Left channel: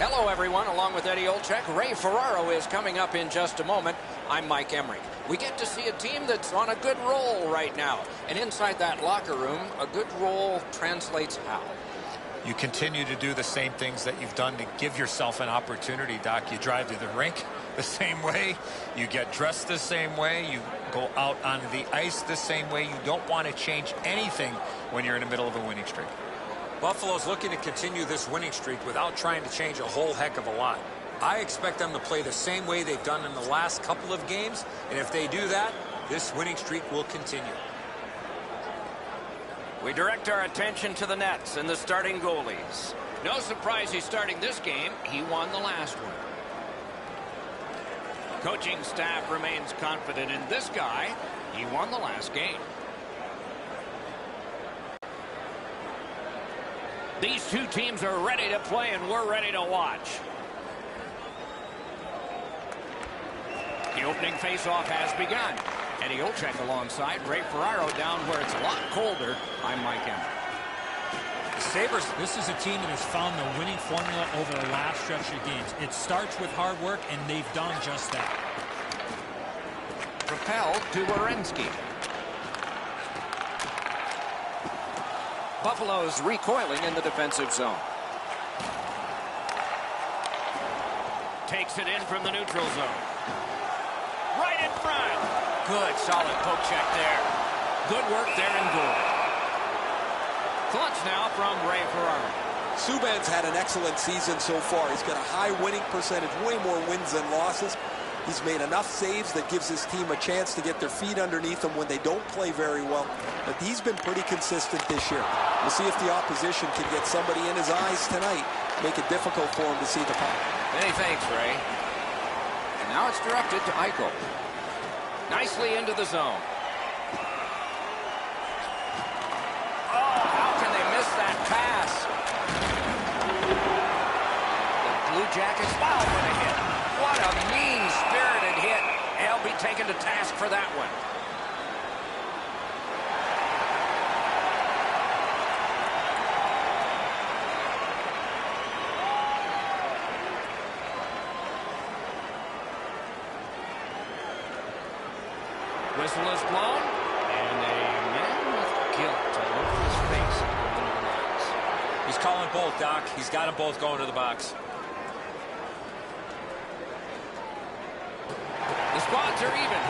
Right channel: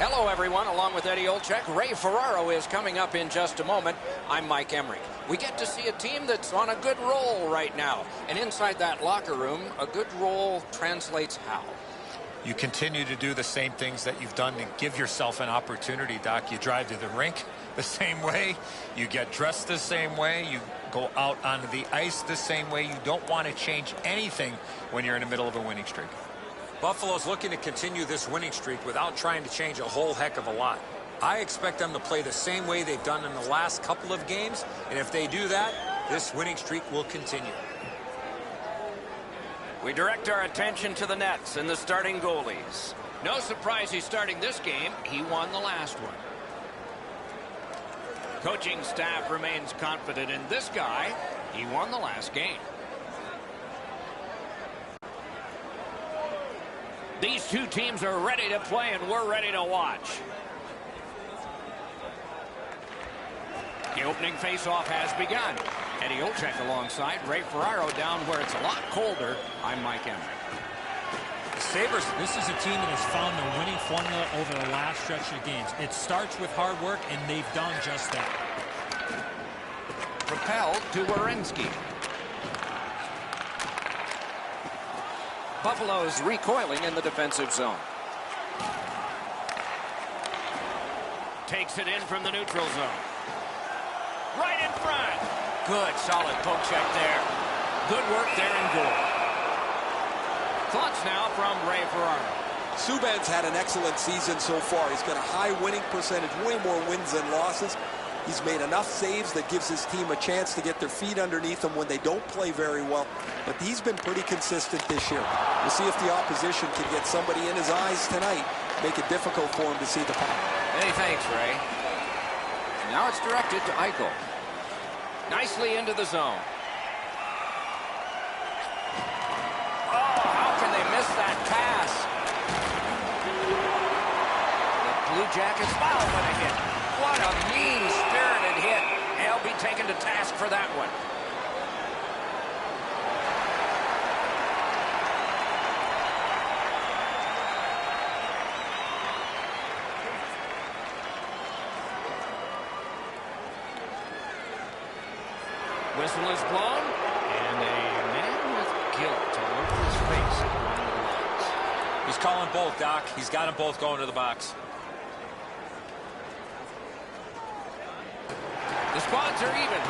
Hello, everyone. Along with Eddie Olczyk, Ray Ferraro is coming up in just a moment. I'm Mike Emmerich. We get to see a team that's on a good roll right now. And inside that locker room, a good roll translates how? You continue to do the same things that you've done to give yourself an opportunity, Doc. You drive to the rink the same way. You get dressed the same way. You go out onto the ice the same way. You don't want to change anything when you're in the middle of a winning streak. Buffalo's looking to continue this winning streak without trying to change a whole heck of a lot. I expect them to play the same way they've done in the last couple of games, and if they do that, this winning streak will continue. We direct our attention to the nets and the starting goalies. No surprise he's starting this game. He won the last one. Coaching staff remains confident in this guy. He won the last game. These two teams are ready to play, and we're ready to watch. The opening faceoff has begun. Eddie Olczyk alongside Ray Ferraro down where it's a lot colder. I'm Mike Emmerich. The Sabres, this is a team that has found the winning formula over the last stretch of games. It starts with hard work, and they've done just that. Propelled to Werenski. Buffalo's recoiling in the defensive zone. Takes it in from the neutral zone. Right in front. Good, solid poke check there. Good work there in goal. Thoughts now from Ray Ferraro. Subban's had an excellent season so far. He's got a high winning percentage, way more wins than losses. He's made enough saves that gives his team a chance to get their feet underneath them when they don't play very well. But he's been pretty consistent this year. We'll see if the opposition can get somebody in his eyes tonight, make it difficult for him to see the puck. Many thanks, Ray. And now it's directed to Eichel. Nicely into the zone. Oh, how can they miss that pass? The Blue Jackets, wow, what a hit. What a mean-spirited hit. They'll be taken to task for that one. Whistle is blown, and a man with guilt all over his face is going to the box. he's calling both, Doc. He's got them both going to the box. The squads are even.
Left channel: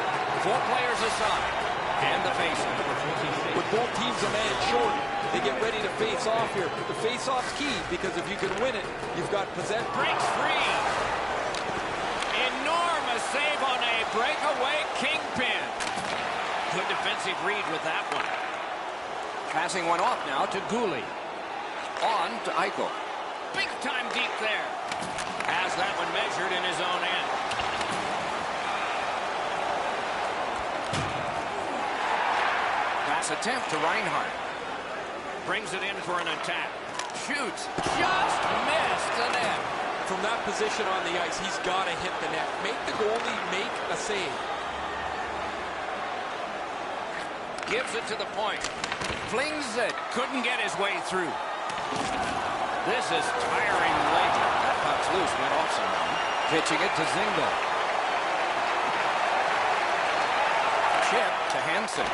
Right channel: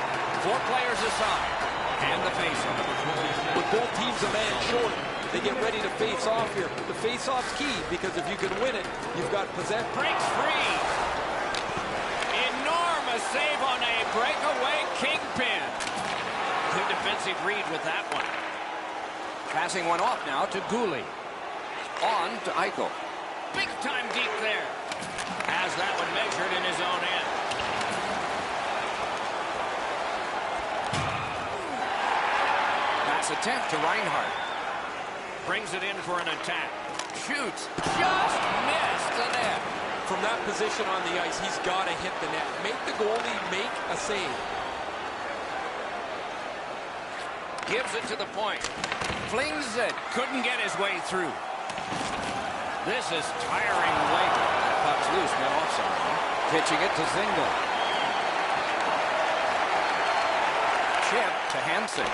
4 players aside. And the face-off. With both teams a man short, they get ready to face off here. The face-off's key, because if you can win it, you've got possession. Breaks free. Enormous save on a breakaway kingpin. Good defensive read with that one. Passing one off now to Gouli. On to Eichel. Big time deep there. Has that one measured in his own end. Pass attempt to Reinhart. Brings it in for an attack. Shoots. Just missed the net. From that position on the ice, he's got to hit the net. Make the goalie make a save. Gives it to the point. Flings it. Couldn't get his way through. This is tiring labor. That puck's loose. Went off someone. Pitching it to Zingle. Chip to Hansen.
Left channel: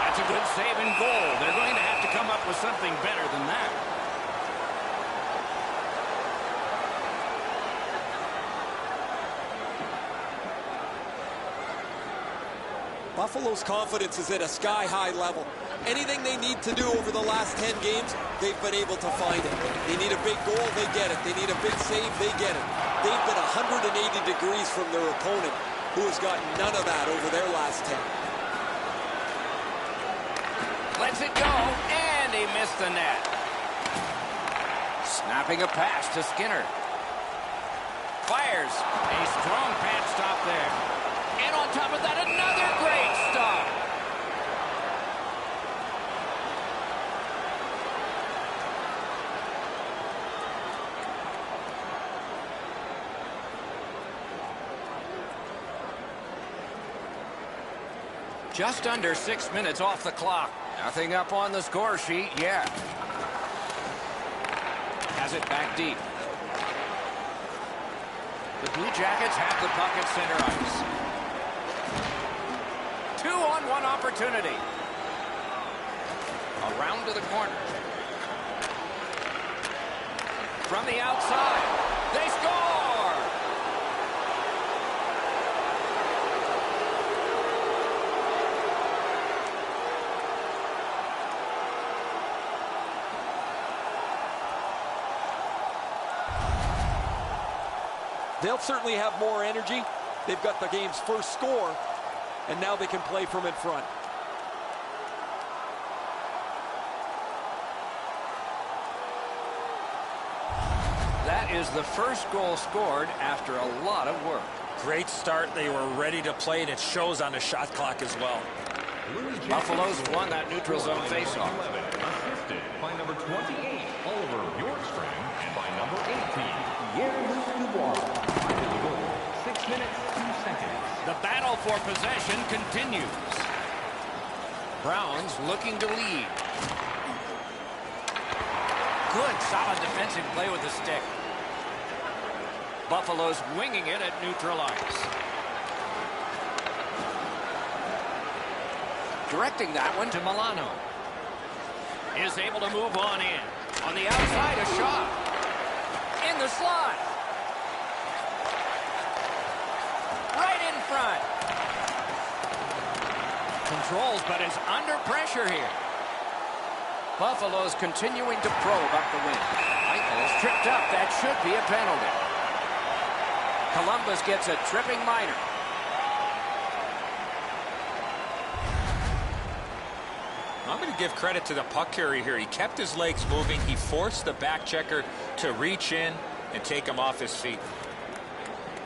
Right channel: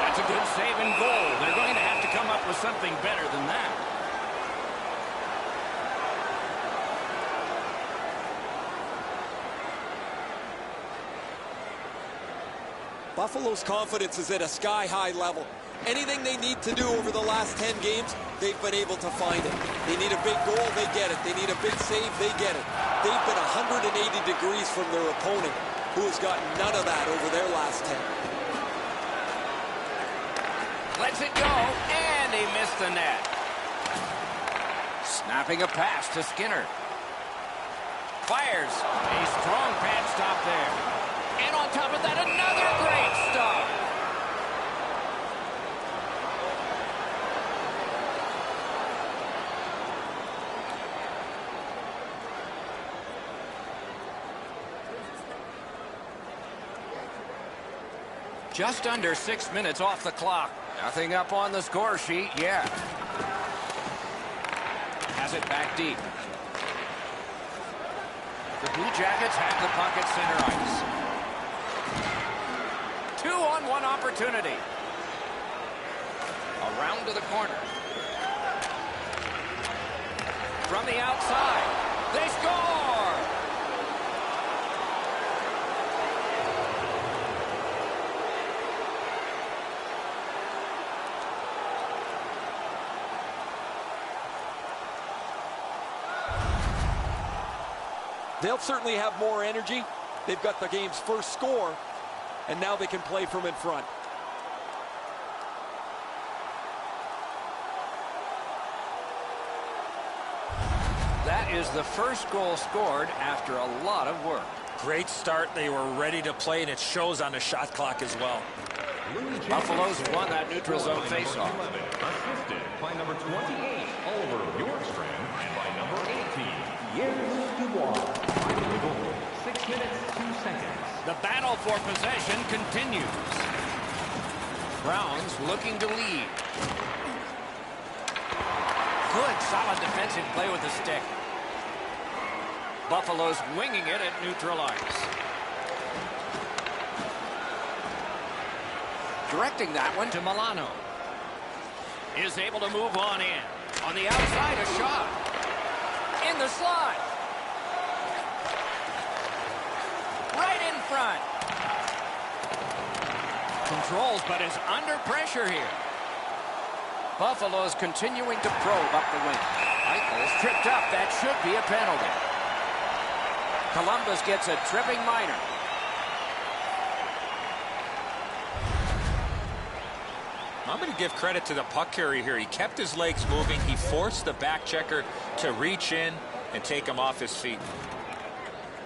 That's a good save and goal. They're going to have to come up with something better than that. Buffalo's confidence is at a sky-high level. Anything they need to do over the last 10 games, they've been able to find it. They need a big goal, they get it. They need a big save, they get it. They've been 180 degrees from their opponent, who has gotten none of that over their last 10. Lets it go, and he missed the net. Snapping a pass to Skinner. Fires. A strong pad stop there. And on top of that, another great stop. Just under 6 minutes off the clock. Nothing up on the score sheet yet. Has it back deep. The Blue Jackets have the puck at center ice. 2-on-1 opportunity. Around to the corner. From the outside, they score! They'll certainly have more energy. They've got the game's first score, and now they can play from in front. That is the first goal scored after a lot of work. Great start. They were ready to play, and it shows on the shot clock as well. Buffalo's won that neutral zone faceoff. Assisted by number 28, Oliver Bjorkstrand, and by number 18, Jens Dubois. Time in the goal, 6 minutes, 2 seconds. The battle for possession continues. Browns looking to lead. Good, solid defensive play with the stick. Buffalo's winging it at neutral ice. Directing that one to Milano. Is able to move on in. On the outside, a shot. In the slot. Right in front. Controls, but is under pressure here. Buffalo's continuing to probe up the wing. Eichel's tripped up. That should be a penalty. Columbus gets a tripping minor. I'm going to give credit to the puck carrier here. He kept his legs moving. He forced the back checker to reach in and take him off his feet.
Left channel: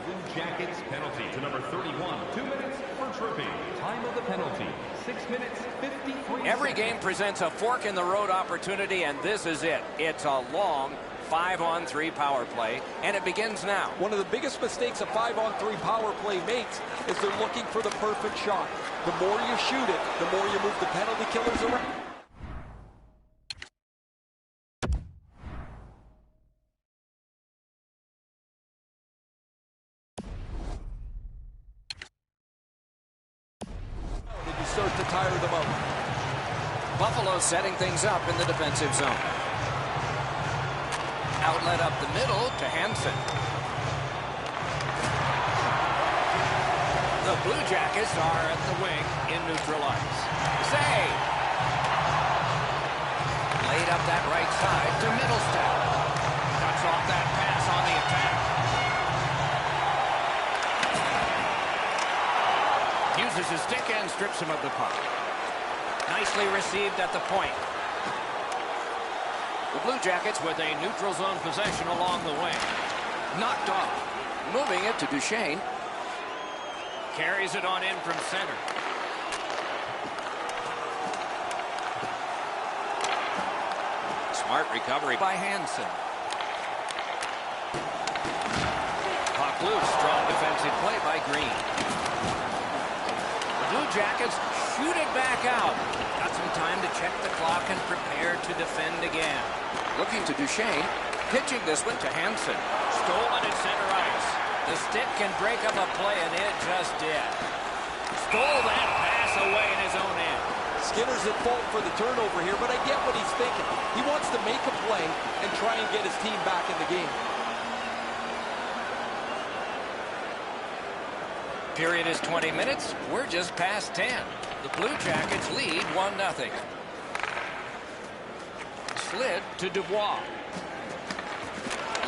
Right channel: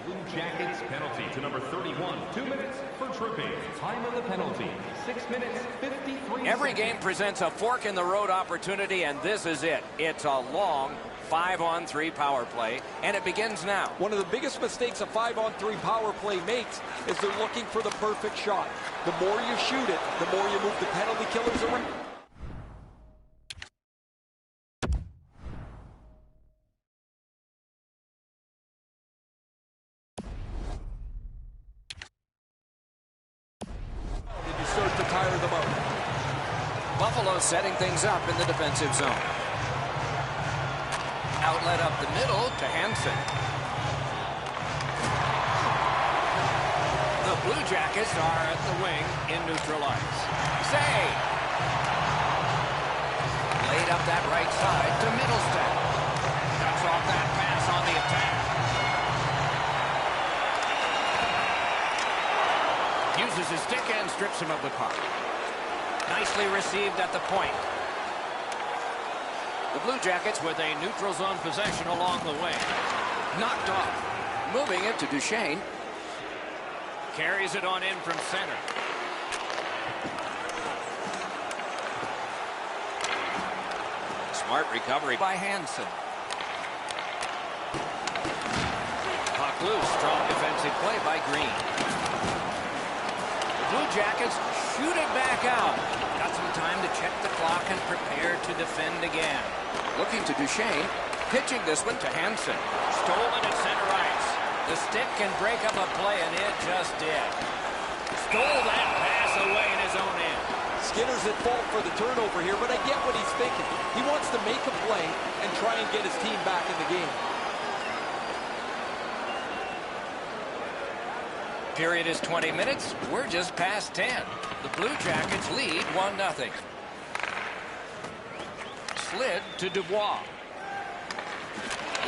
Blue Jackets penalty to number 31. 2 minutes for tripping. Time of the penalty, 6 minutes, 53 Every seconds. game presents a fork-in-the-road opportunity, and this is it. It's a long 5-on-3 power play, and it begins now. One of the biggest mistakes a 5-on-3 power play makes is they're looking for the perfect shot. The more you shoot it, the more you move the penalty killers around. And you start to tire them out. Buffalo setting things up in the defensive zone. Outlet up the middle to Hansen. The Blue Jackets are at the wing in neutral ice. Save! Laid up that right side to Middlestat. Cuts off that pass on the attack. Uses his stick and strips him of the puck. Nicely received at the point. The Blue Jackets with a neutral zone possession along the wing. Knocked off. Moving it to Duchesne. Carries it on in from center. Smart recovery by Hansen. Puck loose. Strong defensive play by Green. The Blue Jackets shoot it back out. Got some time to check the clock and prepare to defend again. Looking to Duchesne. Pitching this one to Hansen. Stolen at center ice. The stick can break up a play, and it just did. Stole that pass away in his own end. Skinner's at fault for the turnover here, but I get what he's thinking. He wants to make a play and try and get his team back in the game. Period is 20 minutes. We're just past 10. The Blue Jackets lead 1-0. Slid to Dubois.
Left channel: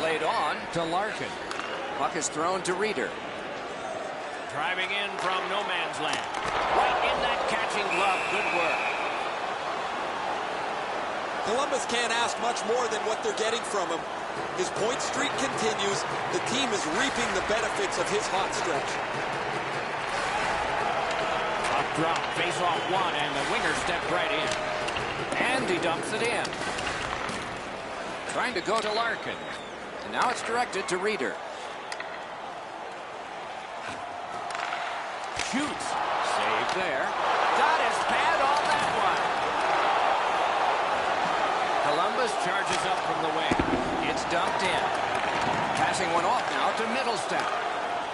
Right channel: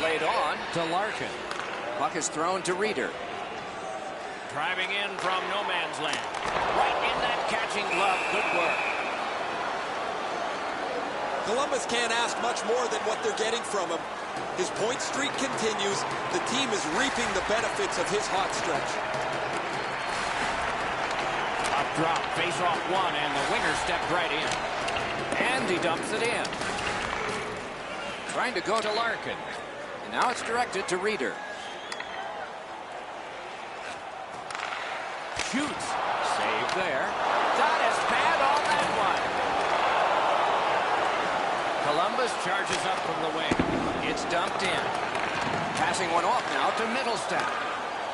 Laid on to Larkin. Puck is thrown to Reeder. Driving in from no man's land. Right in that catching glove. Good work. Columbus can't ask much more than what they're getting from him. His point streak continues. The team is reaping the benefits of his hot stretch. Up drop, face off one, and the winger stepped right in. And he dumps it in. Trying to go to Larkin. And now it's directed to Reeder. Shoots. Save there. Got his pad on that one. Columbus charges up from the wing. It's dumped in. Passing one off now to Middlestat.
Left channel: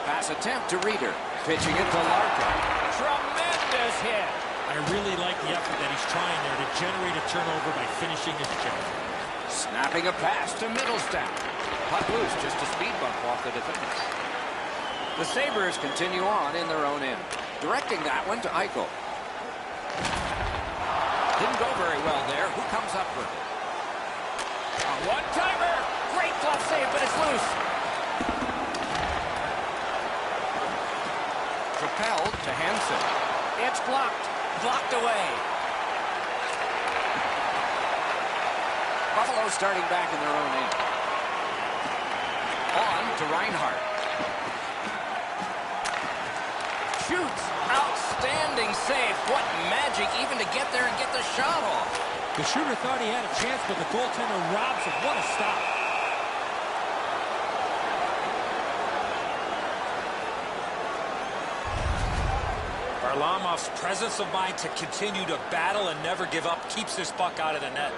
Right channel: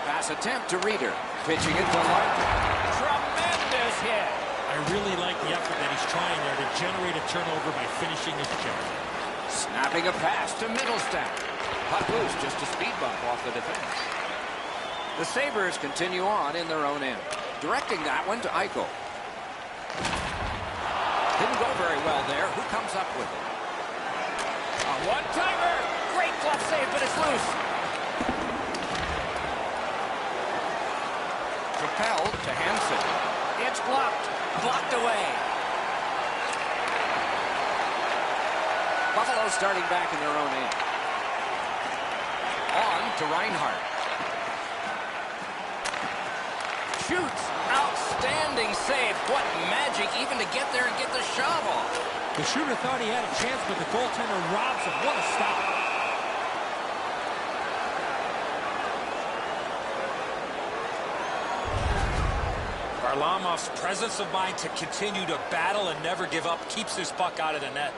Pass attempt to Reeder. Pitching it to Larkin. Tremendous hit. I really like the effort that he's trying there to generate a turnover by finishing his job. Snapping a pass to Middlestat. Puck loose, just a speed bump off the defense. The Sabres continue on in their own end. Directing that one to Eichel. Didn't go very well there. Who comes up with it? A one-timer. Great glove save, but it's loose. Propelled to Hansen. It's blocked. Blocked away. Buffalo starting back in their own end. On to Reinhart. Shoots. Outstanding save. What magic even to get there and get the shot off. The shooter thought he had a chance, but the goaltender robs him. What a stop. Varlamov's presence of mind to continue to battle and never give up keeps this puck out of the net.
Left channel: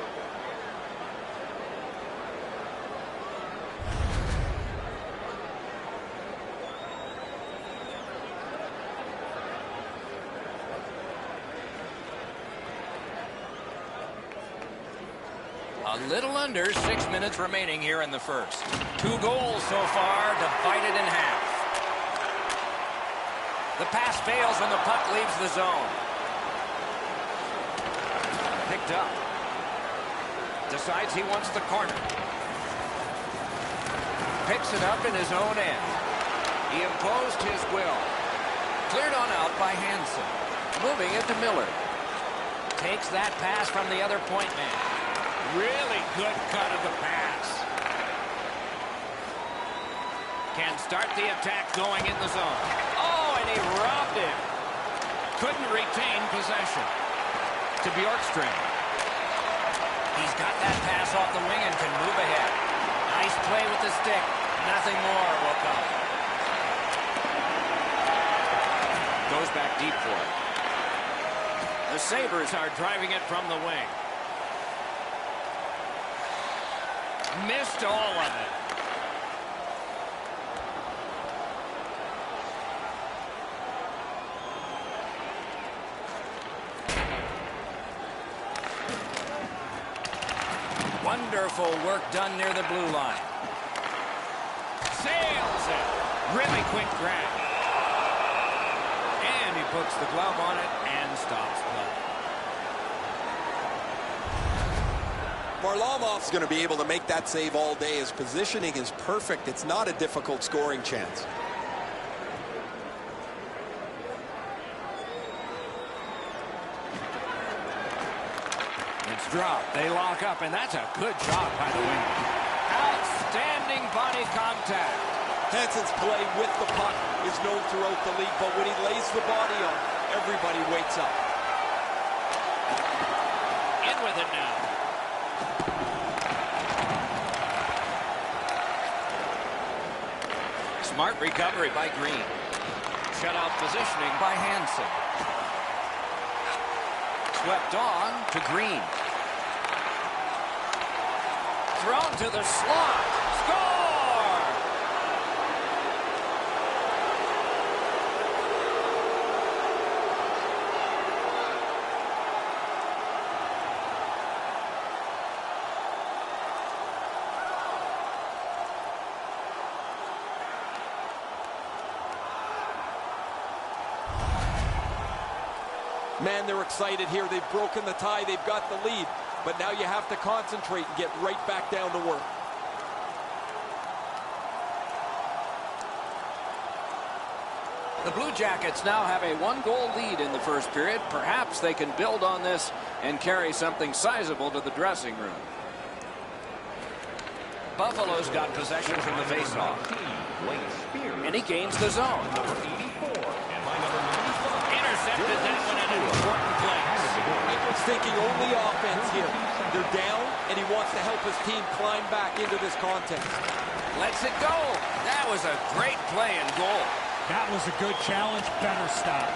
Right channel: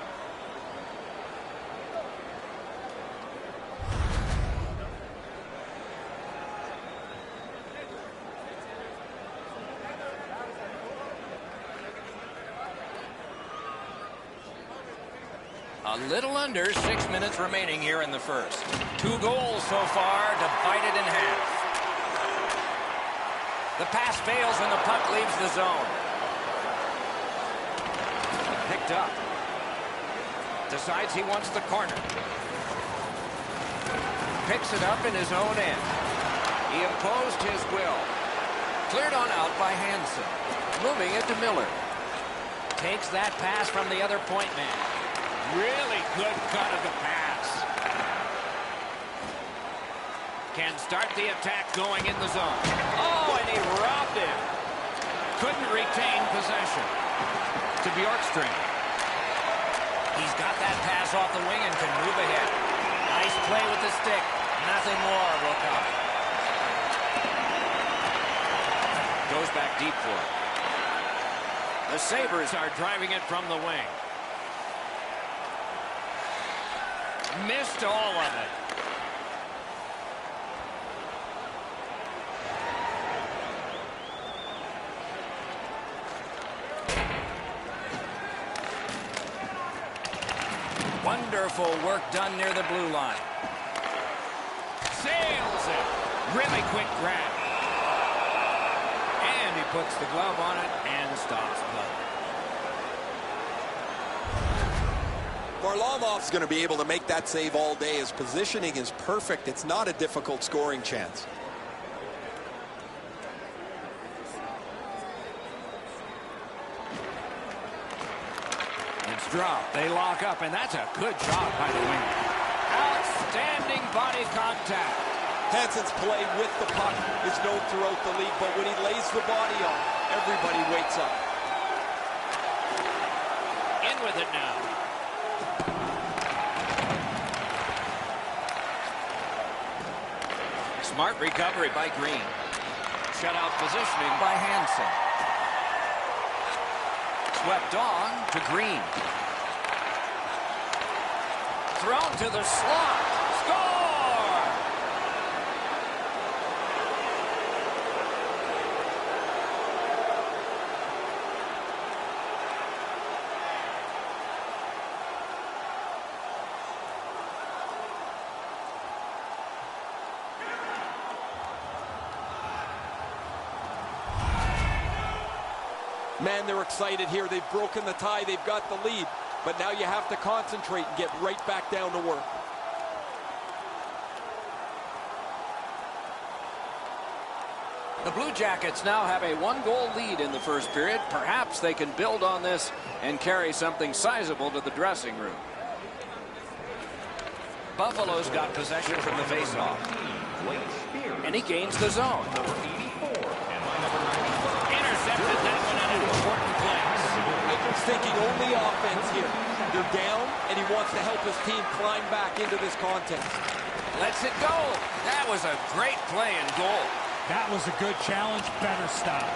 A little under 6 minutes remaining here in the first. 2 goals so far, divided in half. The pass fails and the puck leaves the zone. Picked up. Decides he wants the corner. Picks it up in his own end. He imposed his will. Cleared on out by Hansen. Moving it to Miller. Takes that pass from the other point man. Really good cut of the pass. Can start the attack going in the zone. Oh, and he robbed him. Couldn't retain possession. To Bjorkstrand. He's got that pass off the wing and can move ahead. Nice play with the stick. Nothing more will come. Goes back deep for it. The Sabres are driving it from the wing. Missed all of it. Wonderful work done near the blue line. Sails it. Really quick grab. And he puts the glove on it and stops play. Varlamov's going to be able to make that save all day. His positioning is perfect. It's not a difficult scoring chance. It's dropped. They lock up, and that's a good job by the winger. Outstanding body contact. Hansen's play with the puck is known throughout the league, but when he lays the body on, everybody wakes up. In with it now. Smart recovery by Green. Shutout positioning by Hansen. Swept on to Green. Thrown to the slot. Score! Man, they're excited here. They've broken the tie. They've got the lead. But now you have to concentrate and get right back down to work. The Blue Jackets now have a 1-goal lead in the first period. Perhaps they can build on this and carry something sizable to the dressing room. Buffalo's got possession from the faceoff. And he gains the zone. Intercepted that one in an important place. Edwards thinking only offense here. They're down, and he wants to help his team climb back into this contest. Lets it go. That was a great play and goal. That was a good challenge. Better stop.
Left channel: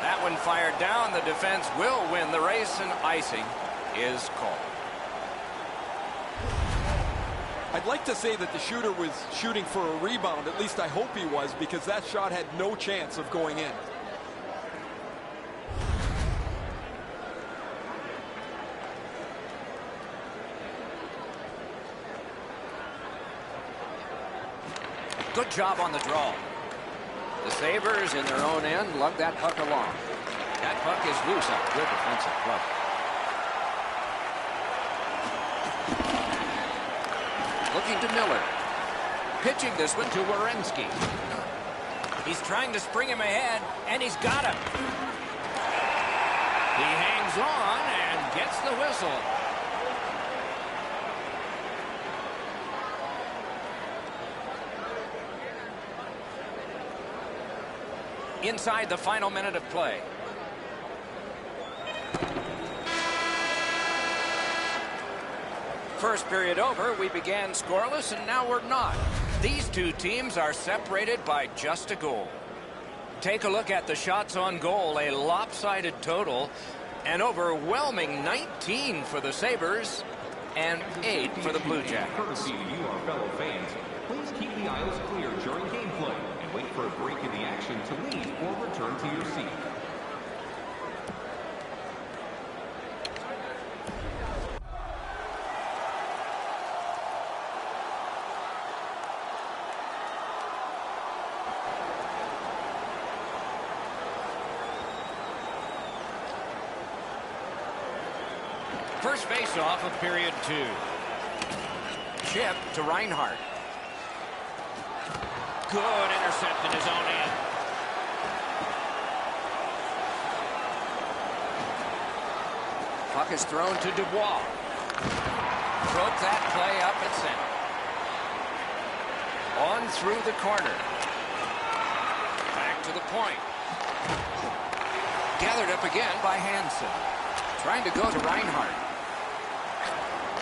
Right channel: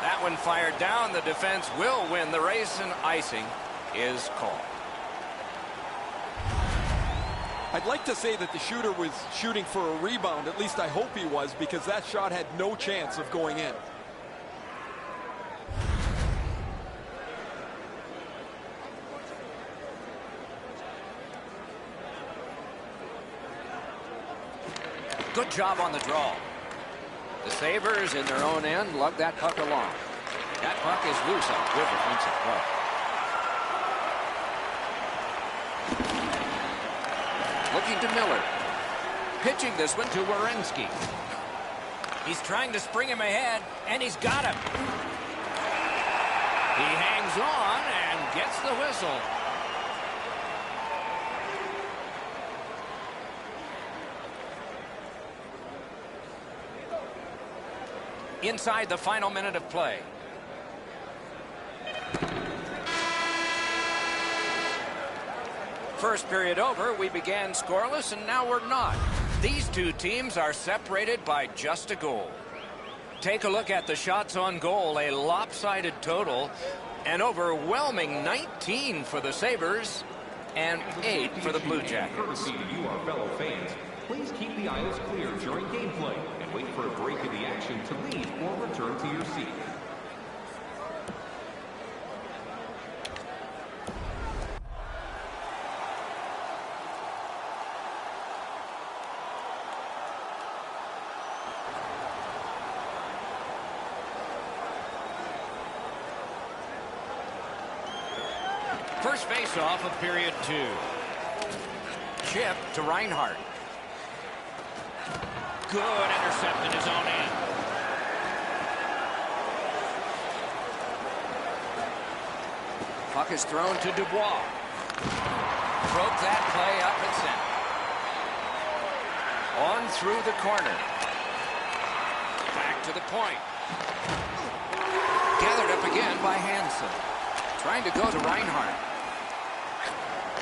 That one fired down. The defense will win the race, and icing is called. I'd like to say that the shooter was shooting for a rebound. At least I hope he was, because that shot had no chance of going in. Good job on the draw. The Sabres in their own end lug that puck along. That puck is loose. A good defensive play. Looking to Miller. Pitching this one to Werenski. He's trying to spring him ahead, and he's got him. He hangs on and gets the whistle. Inside the final minute of play. First period over, we began scoreless, and now we're not. These two teams are separated by just a goal. Take a look at the shots on goal, a lopsided total, an overwhelming 19 for the Sabres and 8 for the Blue Jackets. Courtesy to you, our fellow fans, please keep the aisles clear during gameplay and wait for a break in the action to leave or return to your seat. First face-off of period 2. Chip to Reinhart. Good intercept in his own end. Puck is thrown to Dubois. Broke that play up at center. On through the corner. Back to the point. Gathered up again by Hansen. Trying to go to Reinhart.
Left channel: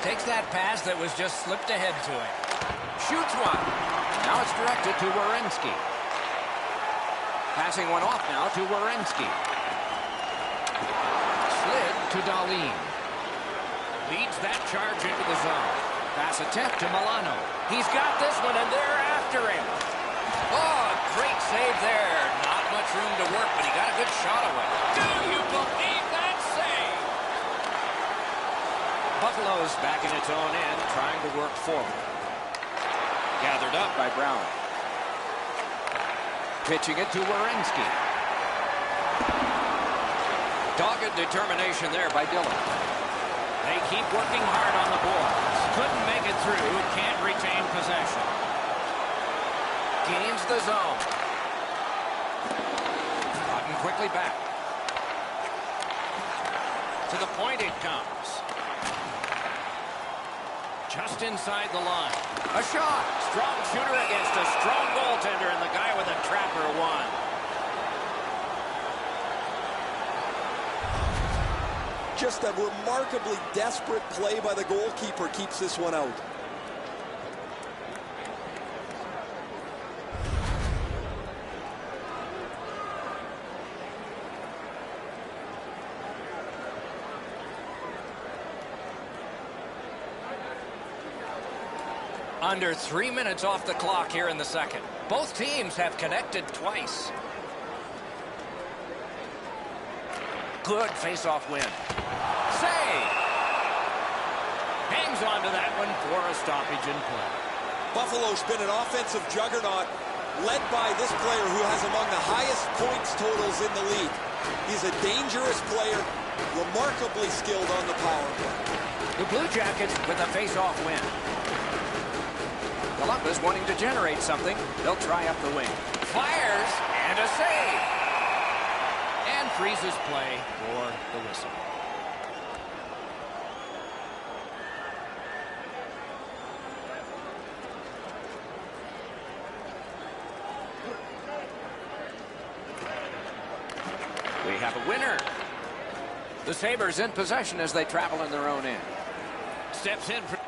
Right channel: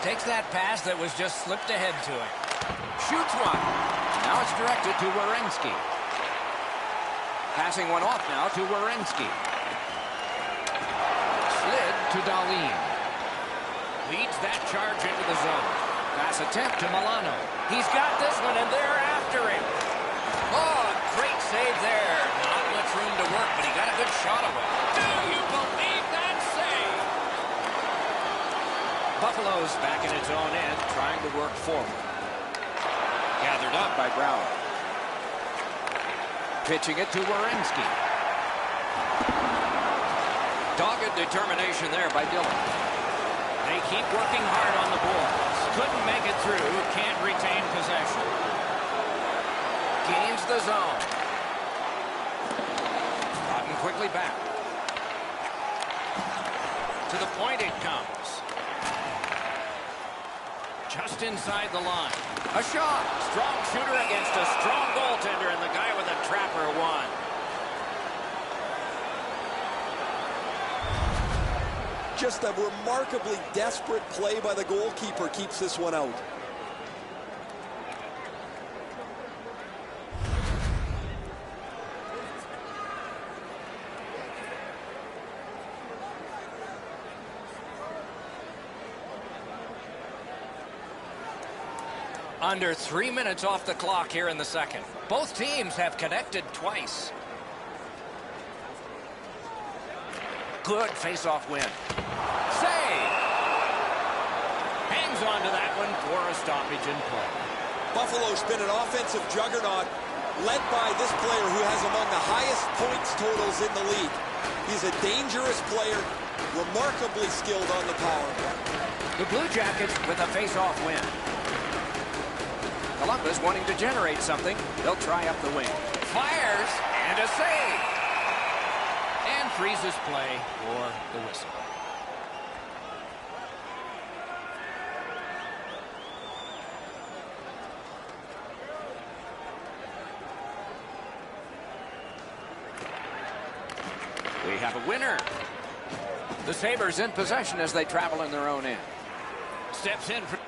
Takes that pass that was just slipped ahead to him. Shoots one. Now it's directed to Werenski. Passing one off now to Werenski. Slid to Dahlin. Leads that charge into the zone. Pass attempt to Milano. He's got this one, and they're after him. Oh, great save there. Not much room to work, but he got a good shot away. Do you believe that save? Buffalo's back in its own end, trying to work forward. Gathered up by Brown. Pitching it to Werenski. Dogged determination there by Dillon. They keep working hard on the boards. Couldn't make it through. Can't retain possession. Gains the zone. Gotten quickly back. To the point it comes. Just inside the line. A shot. Strong shooter against a strong goaltender, and the guy with a trapper won. Just a remarkably desperate play by the goalkeeper keeps this one out. Under 3 minutes off the clock here in the second. Both teams have connected twice. Good face-off win. Save! Hangs on to that one for a stoppage in play. Buffalo's been an offensive juggernaut, led by this player who has among the highest points totals in the league. He's a dangerous player, remarkably skilled on the power play. The Blue Jackets with a face-off win. Columbus wanting to generate something. They'll try up the wing. Fires and a save. And freezes play for the whistle. We have a winner. The Sabres in possession as they travel in their own end. Steps in for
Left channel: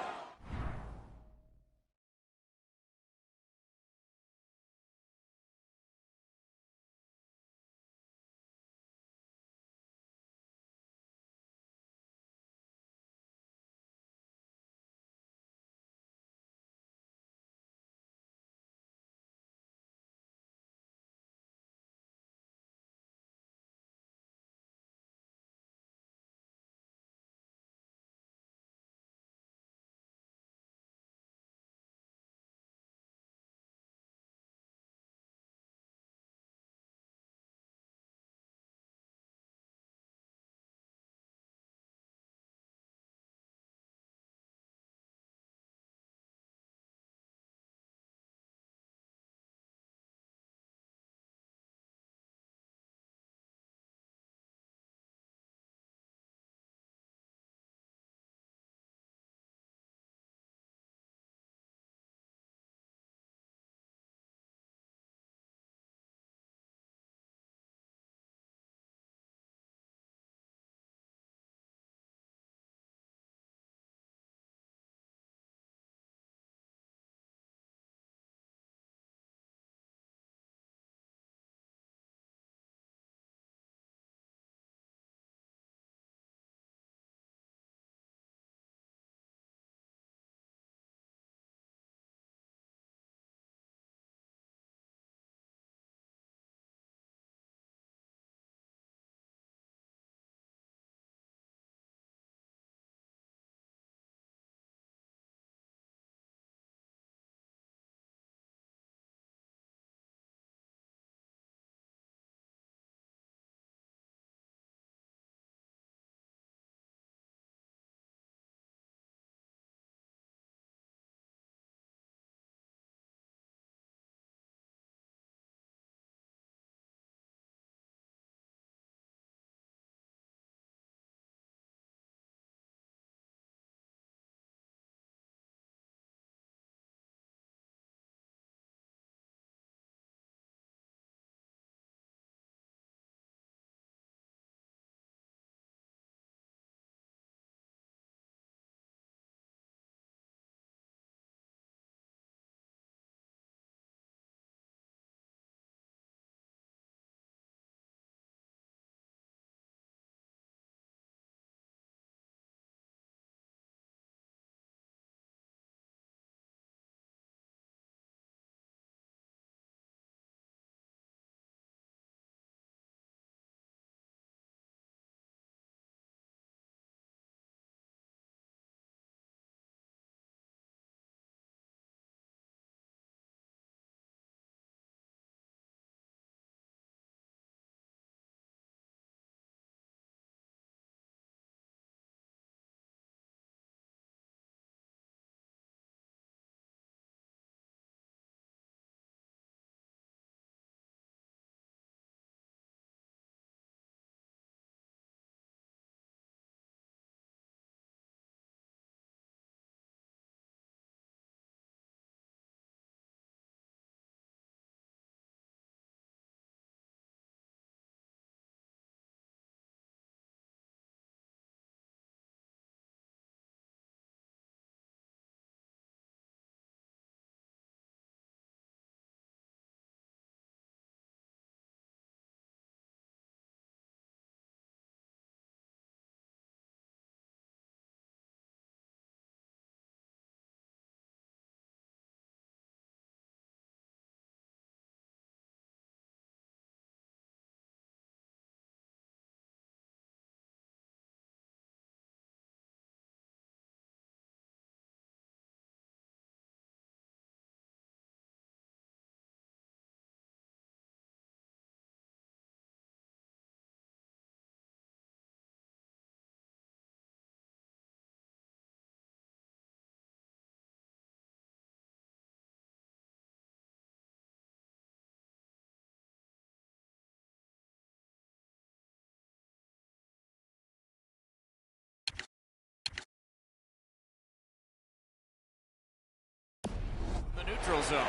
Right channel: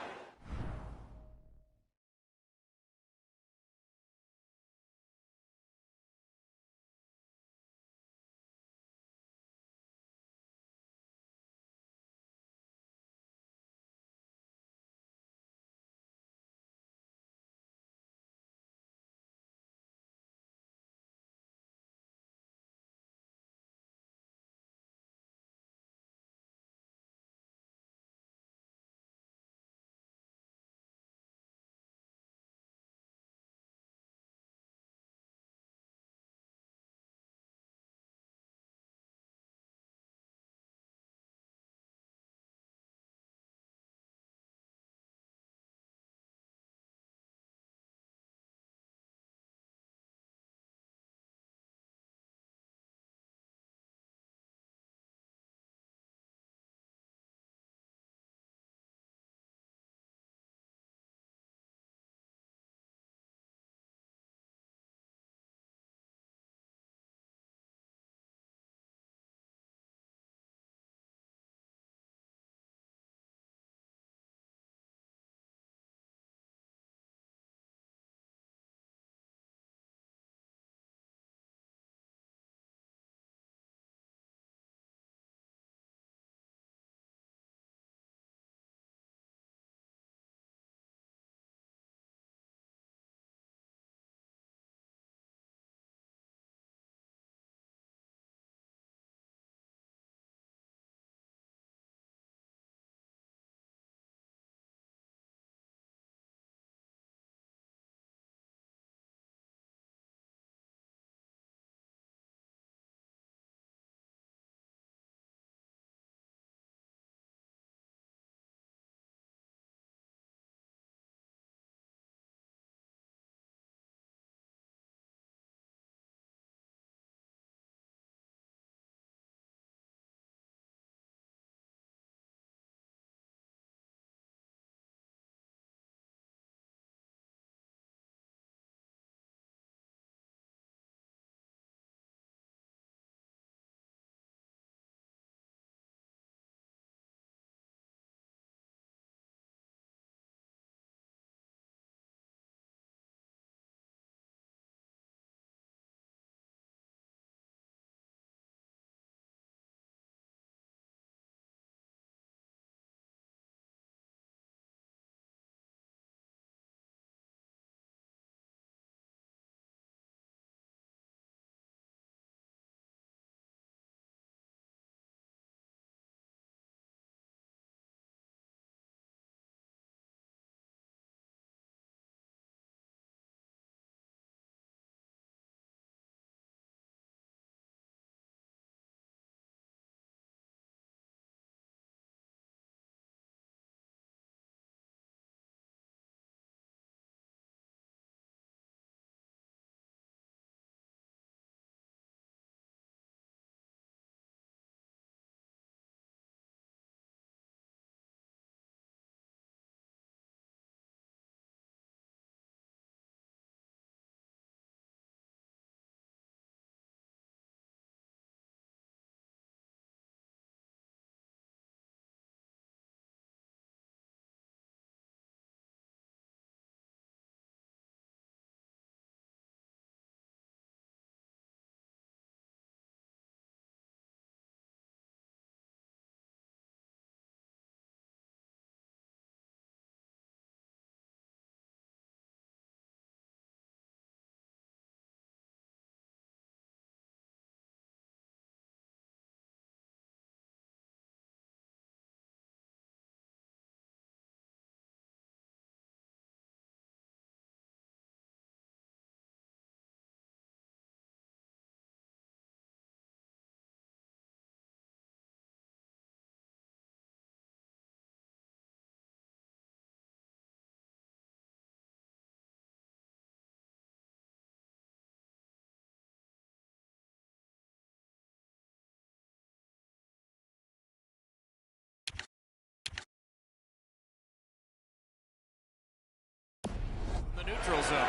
neutral zone.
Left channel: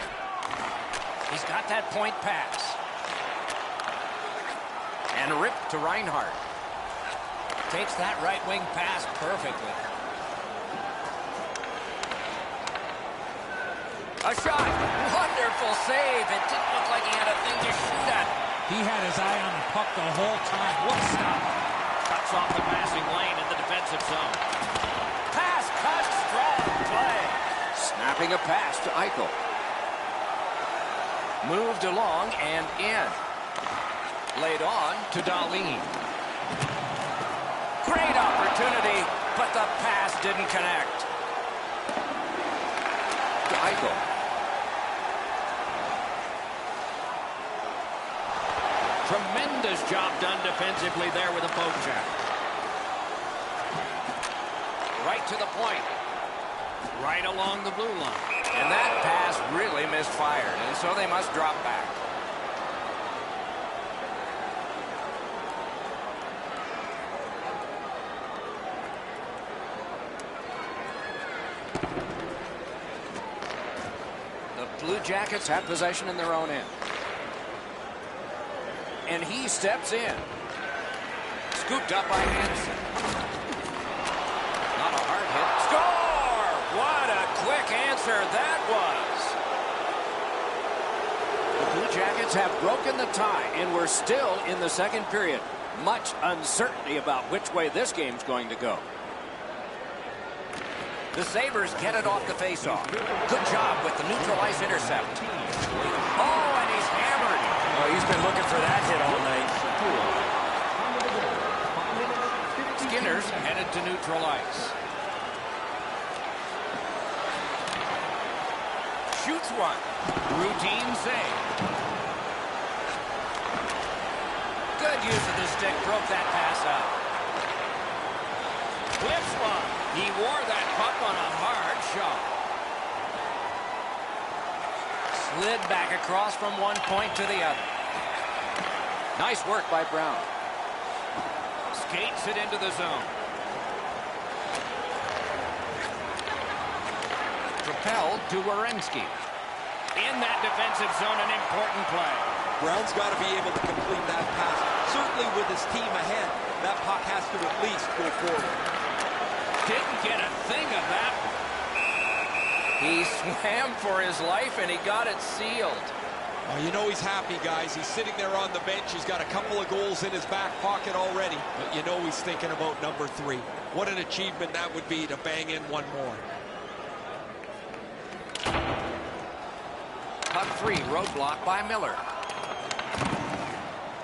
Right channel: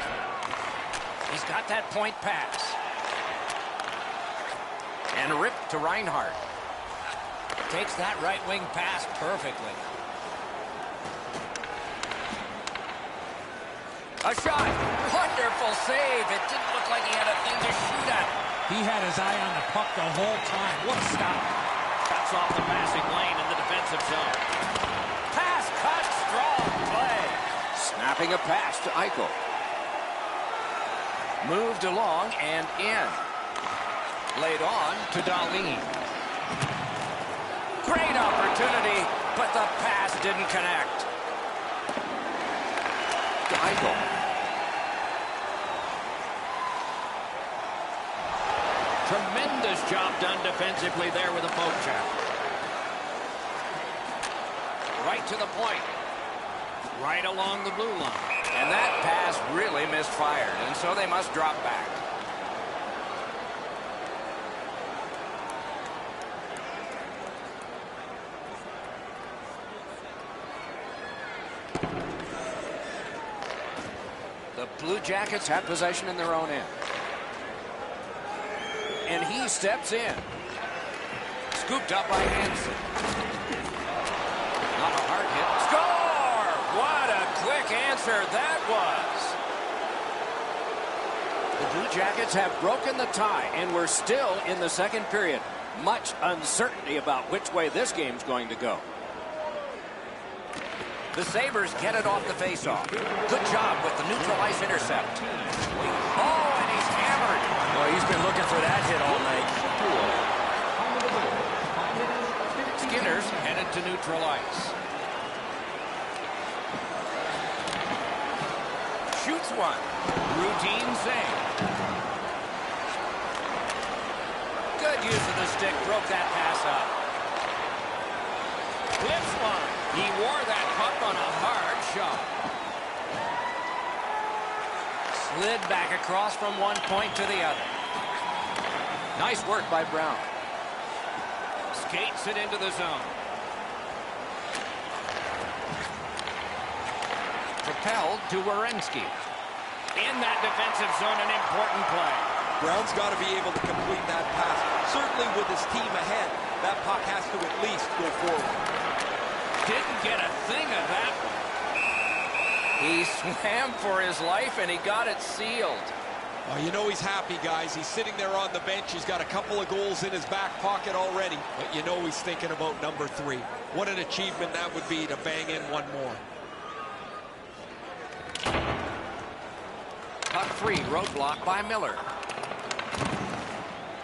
He's got that point pass. And ripped to Reinhart. Takes that right wing pass perfectly. A shot. Wonderful save. It didn't look like he had a thing to shoot at. He had his eye on the puck the whole time. What a stop. Cuts off the passing lane in the defensive zone. Pass cut. Strong play. Snapping a pass to Eichel. Moved along and in. Laid on to Dahlin. Great opportunity, but the pass didn't connect. To Eichel. Tremendous job done defensively there with a poke check. Right to the point. Right along the blue line. And that pass really misfired, and so they must drop back. The Blue Jackets have possession in their own end. And he steps in. Scooped up by Hansen. Not a hard hit. Score! What a quick answer that was. The Blue Jackets have broken the tie, and we're still in the second period. Much uncertainty about which way this game's going to go. The Sabres get it off the faceoff. Good job with the neutral ice intercept. Oh, and he's hammered. Oh, he's been looking for that hit all night. Skinner's headed to neutral ice. Shoots one. Routine save. Good use of the stick. Broke that pass up. Flips one. He wore that puck on a hard shot. Slid back across from one point to the other. Nice work by Brown. Skates it into the zone. Propelled to Werenski. In that defensive zone, an important play. Brown's got to be able to complete that pass. Certainly with his team ahead, that puck has to at least go forward. Didn't get a thing of that one. He swam for his life, and he got it sealed. Oh, you know he's happy, guys. He's sitting there on the bench. He's got a couple of goals in his back pocket already. But you know he's thinking about number 3. What an achievement that would be to bang in one more. Puck free, roadblock by Miller.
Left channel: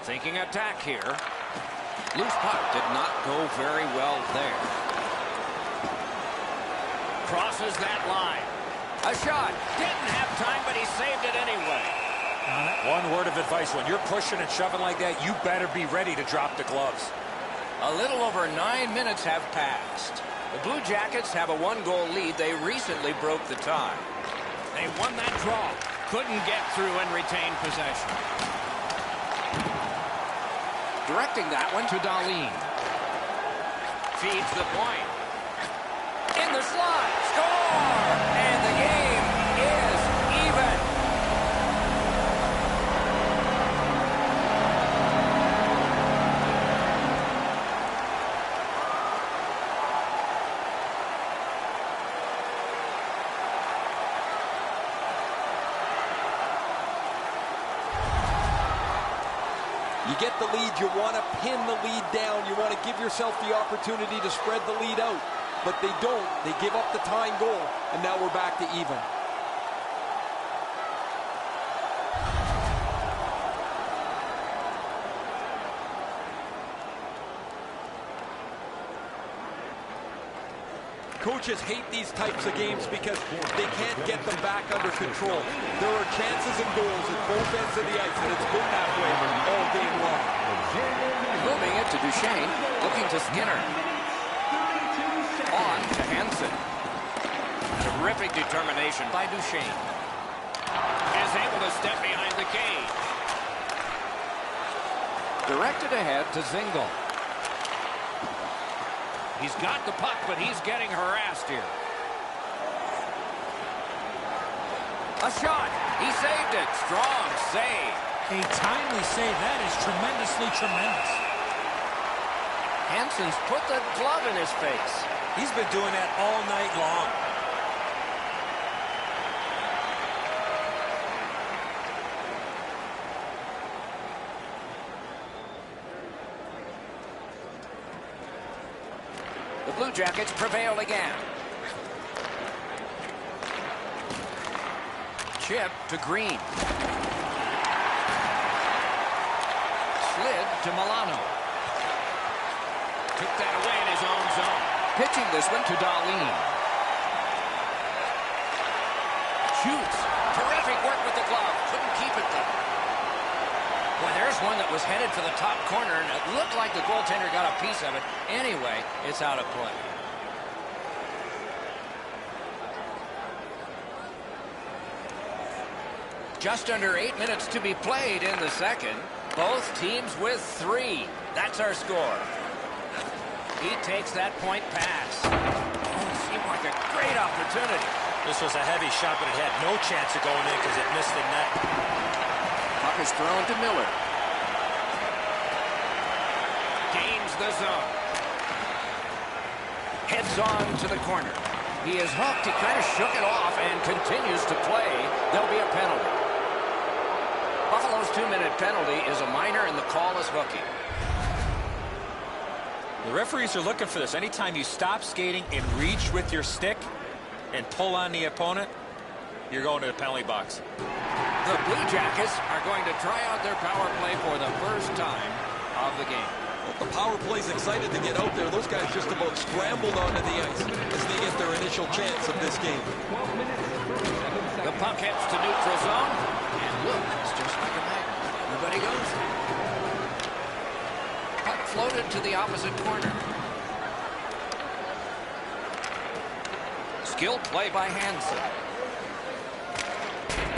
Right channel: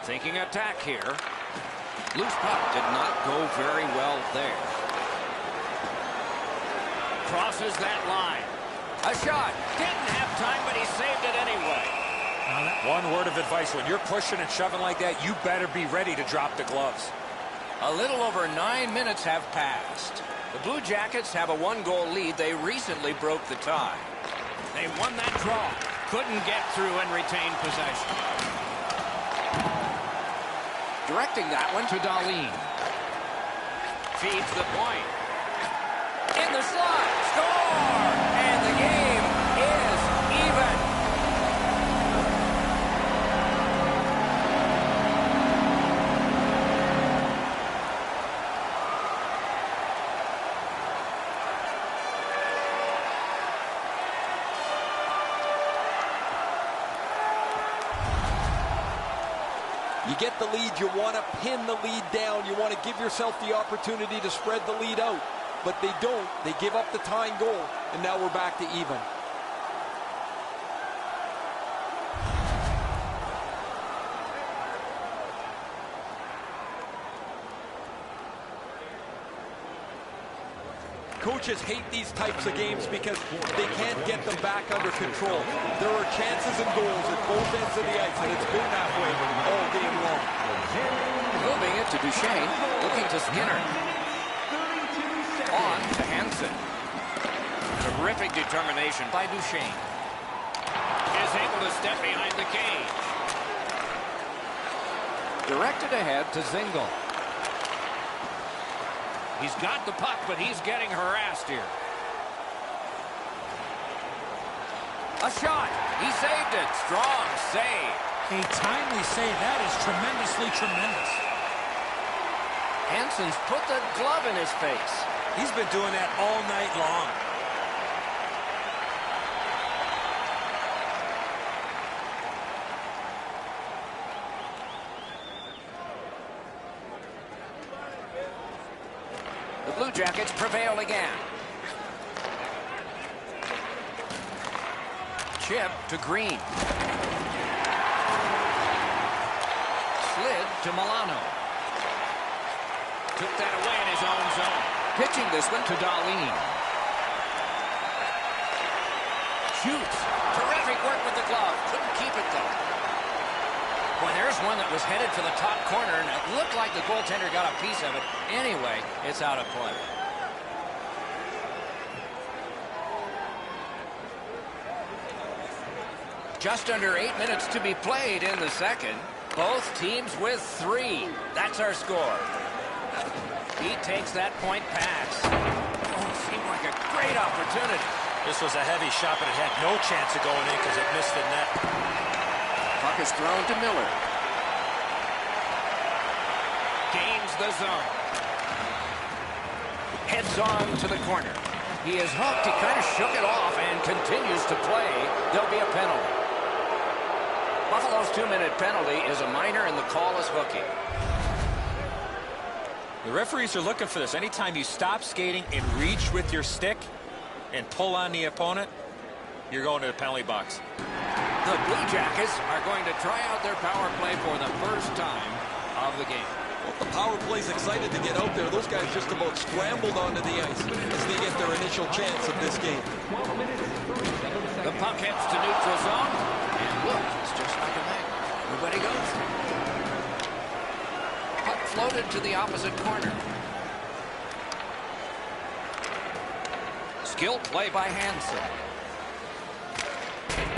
Thinking attack here. Loose puck did not go very well there. Crosses that line. A shot. Didn't have time, but he saved it anyway. One word of advice. When you're pushing and shoving like that, you better be ready to drop the gloves. A little over 9 minutes have passed. The Blue Jackets have a 1-goal lead. They recently broke the tie. They won that draw. Couldn't get through and retain possession. Directing that one to Dahlin. Feeds the point. In the slot. Score! And the game is even. You get the lead, you want to pin the lead down. You want to give yourself the opportunity to spread the lead out. But they don't. They give up the tying goal, and now we're back to even. Coaches hate these types of games because they can't get them back under control. There are chances and goals at both ends of the ice, and it's been that way all game long. Moving it to Duchesne, looking to Skinner. On to Hansen. Terrific determination by Duchesne. Is able to step behind the cage. Directed ahead to Zingle. He's got the puck, but he's getting harassed here. A shot. He saved it. Strong save. A timely save. That is tremendously tremendous. Hansen's put the glove in his face. He's been doing that all night long. The Blue Jackets prevail again. Chip to Green. Slid to Milano. Took that away in his own zone. Pitching this one to Dahlin. Shoots. Terrific work with the glove. Couldn't keep it, though. Boy, there's one that was headed for the top corner, and it looked like the goaltender got a piece of it. Anyway, it's out of play. Just under 8 minutes to be played in the second. Both teams with 3. That's our score. He takes that point pass. Oh, it seemed like a great opportunity. This was a heavy shot, but it had no chance of going in because it missed the net. Puck is thrown to Miller. Gains the zone. Heads on to the corner. He is hooked. He kind of shook it off and continues to play. There'll be a penalty. Buffalo's 2-minute penalty is a minor, and the call is hooking. The referees are looking for this. Anytime you stop skating and reach with your stick and pull on the opponent, you're going to the penalty box. The Blue Jackets are going to try out their power play for the first time of the game. Well, the power play's excited to get out there. Those guys just about scrambled onto the ice as they get their initial chance of this game. 12 minutes, 37 seconds. The puck heads to neutral zone, and look, it's just like a magnet. Everybody goes. Puck floated to the opposite corner. Skill play by Hansen.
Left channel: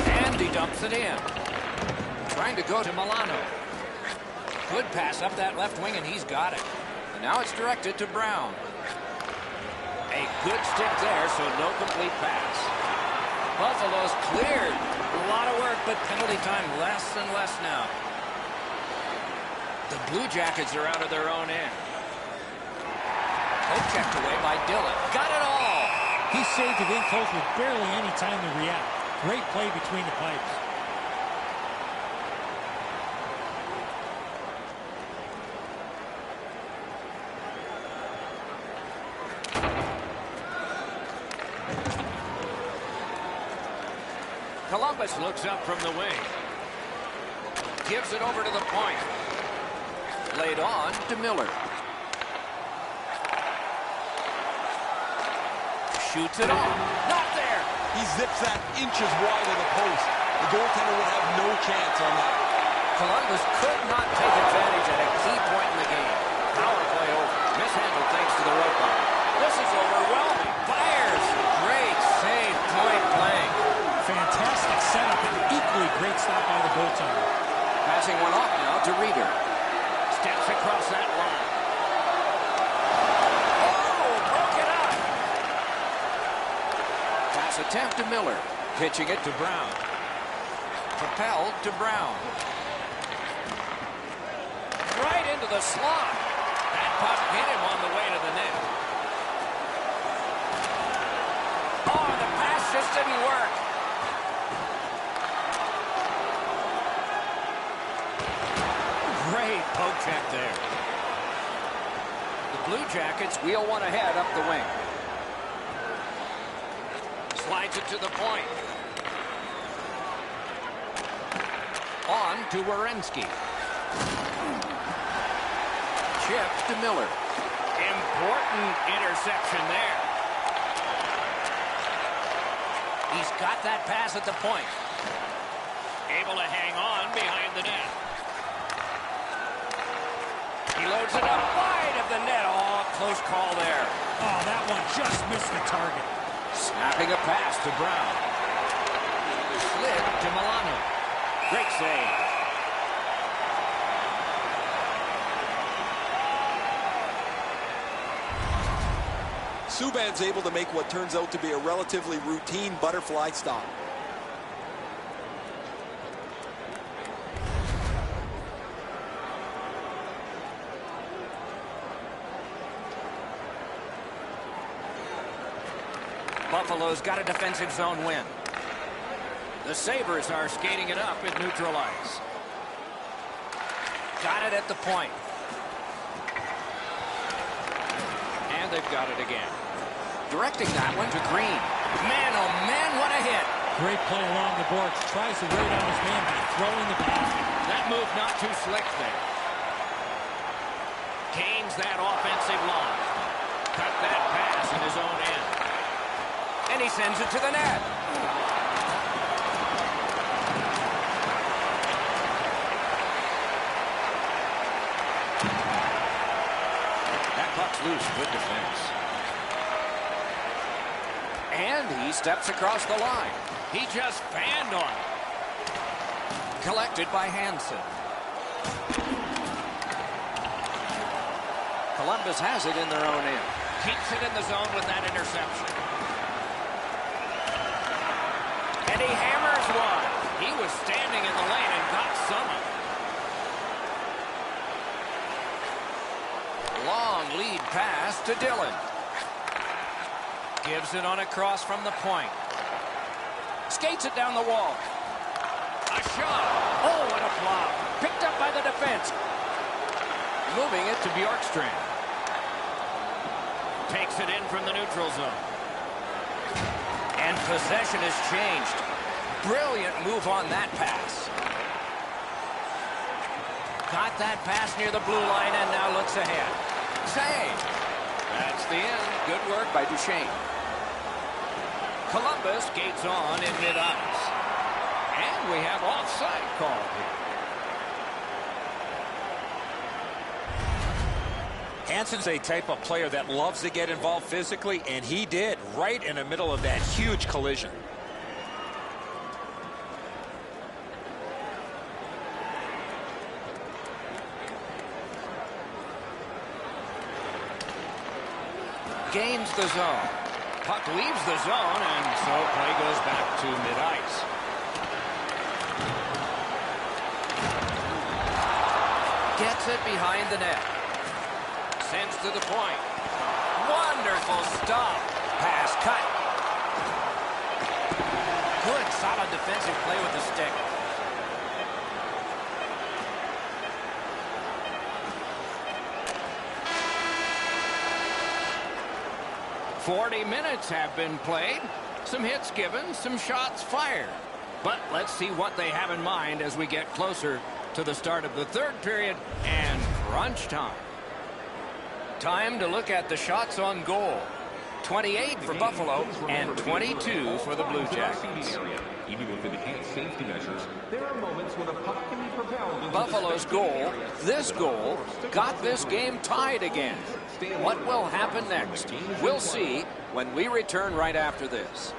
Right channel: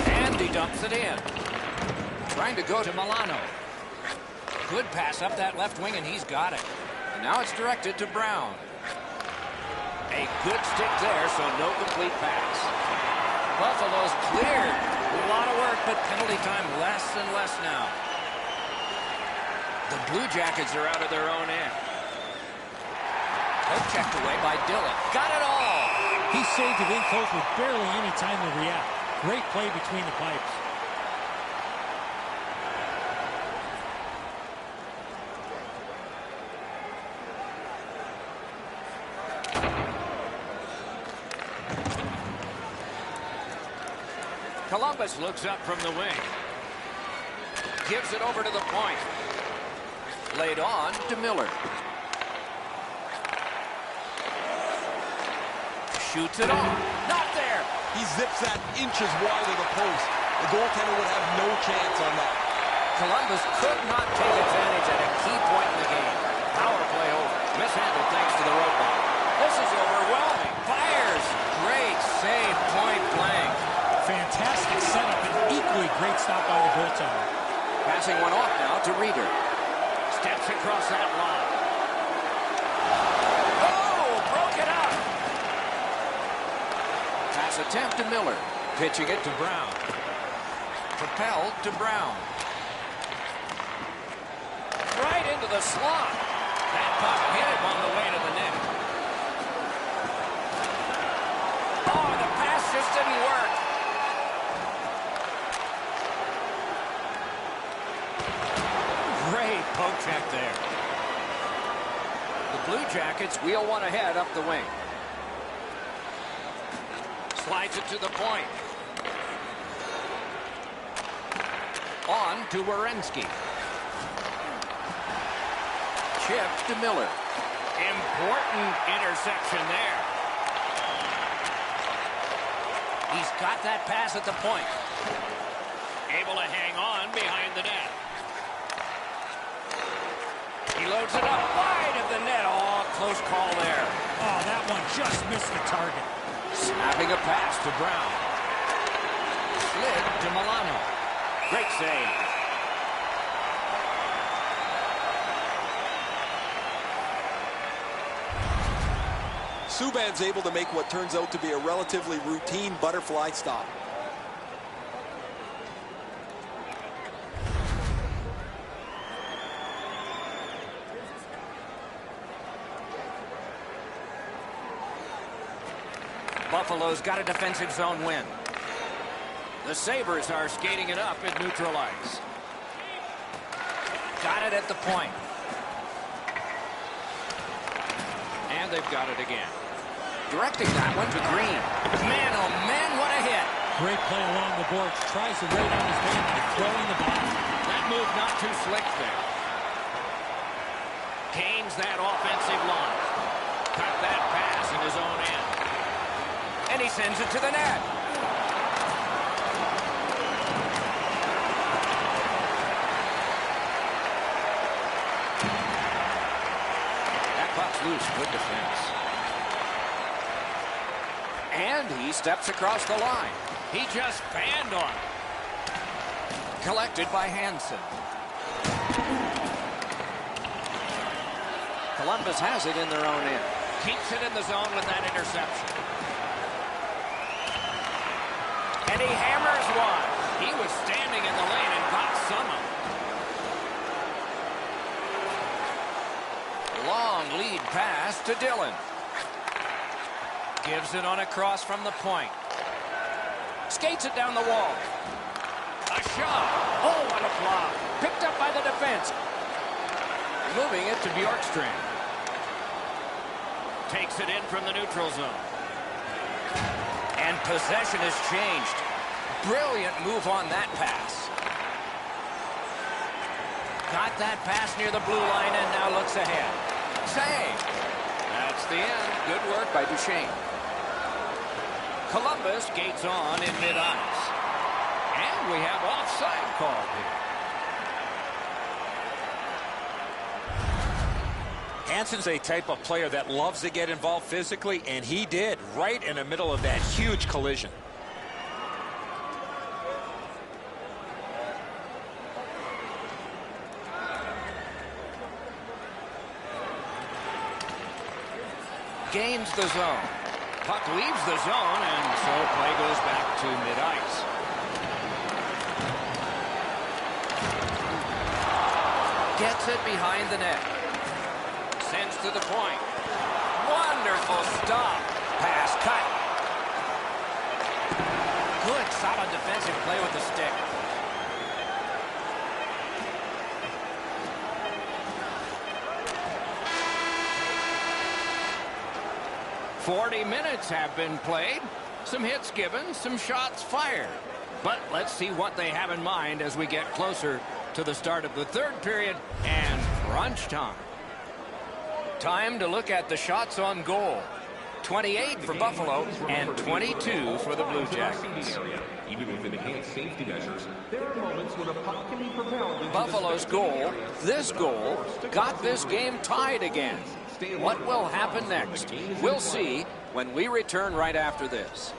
And he dumps it in. Trying to go to Milano. Good pass up that left wing, and he's got it. And now it's directed to Brown. A good stick there, so no complete pass. Buffalo's cleared. A lot of work, but penalty time less and less now. The Blue Jackets are out of their own end. Poke checked away by Dillon. Got it all. He saved it in close with barely any time to react. Great play between the pipes. Columbus looks up from the wing. Gives it over to the point. Laid on to Miller. Shoots it off. Not there. He zips that inches wide of the post. The goaltender would have no chance on that. Columbus could not take advantage at a key point in the game. Power play over. Mishandled thanks to the roadblock. This is overwhelming. Fires. Great save, point blank. Fantastic setup and equally great stop by the goaltender. Passing one off now to Reeder. Steps across that line. Oh, broke it up. Pass attempt to Miller. Pitching it to Brown. Propelled to Brown. Right into the slot. That puck hit him on the way to the net. Oh, the pass just didn't work. Great poke check there. The Blue Jackets wheel one ahead up the wing. Slides it to the point. On to Werenski. Chip to Miller. Important interception there. He's got that pass at the point. Able to hang on behind the net. He loads it up wide of the net. Oh, close call there. Oh, that one just missed the target. Snapping a pass to Brown. Slid to Milano. Great save. Subban's able to make what turns out to be a relatively routine butterfly stop. Buffalo's got a defensive zone win. The Sabres are skating it up at neutral ice. Got it at the point. And they've got it again. Directing that one to Green. Man, oh man, what a hit. Great play along the boards. Tries to wear down his man by throwing the ball. That move not too slick there. Gains that offensive line. Cut that pass in his own end. And he sends it to the net. That puck's loose. Good defense. And he steps across the line. He just fanned on it. Collected by Hansen. Columbus has it in their own end. Keeps it in the zone with that interception. And he hammers one. He was standing in the lane and got some of it. Long lead pass to Dillon. Gives it on a cross from the point. Skates it down the wall. A shot. Oh, what a flop. Picked up by the defense. Moving it to Bjorkstrand. Takes it in from the neutral zone. And possession has changed. Brilliant move on that pass. Got that pass near the blue line and now looks ahead. Save. That's the end. Good work by Duchesne. Columbus gates on in mid-ice. And we have offside called here. Hansen's a type of player that loves to get involved physically, and he did right in the middle of that huge collision. Gains the zone. Puck leaves the zone, and so play goes back to mid-ice. Gets it behind the net. Sends to the point. Wonderful stop. Pass cut. Good, solid defensive play with the stick. "40 minutes have been played. Some hits given, some shots fired. But let's see what they have in mind as we get closer to the start of the third period and crunch time. Time to look at the shots on goal. 28 for Buffalo and 22 for the Blue Jackets. Even with enhanced safety measures, there are moments when a puck can be propelled into Buffalo's goal, this goal, got this game tied again. What will happen next? We'll see when we return right after this.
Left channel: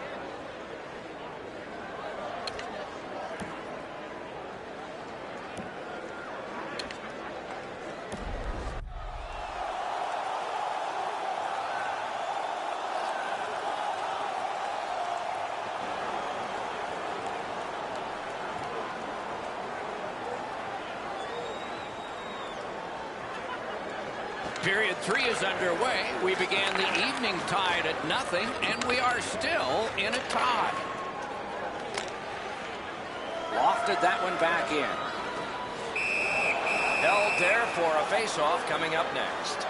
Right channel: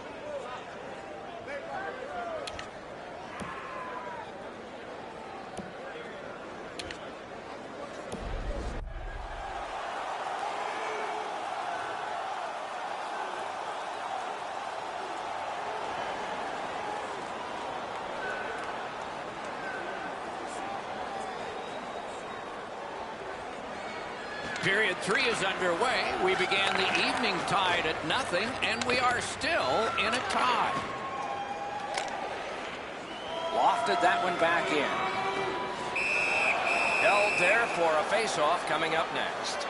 Period 3 is underway. We began the evening tied at 0, and we are still in a tie. Lofted that one back in. Held there for a face-off coming up next.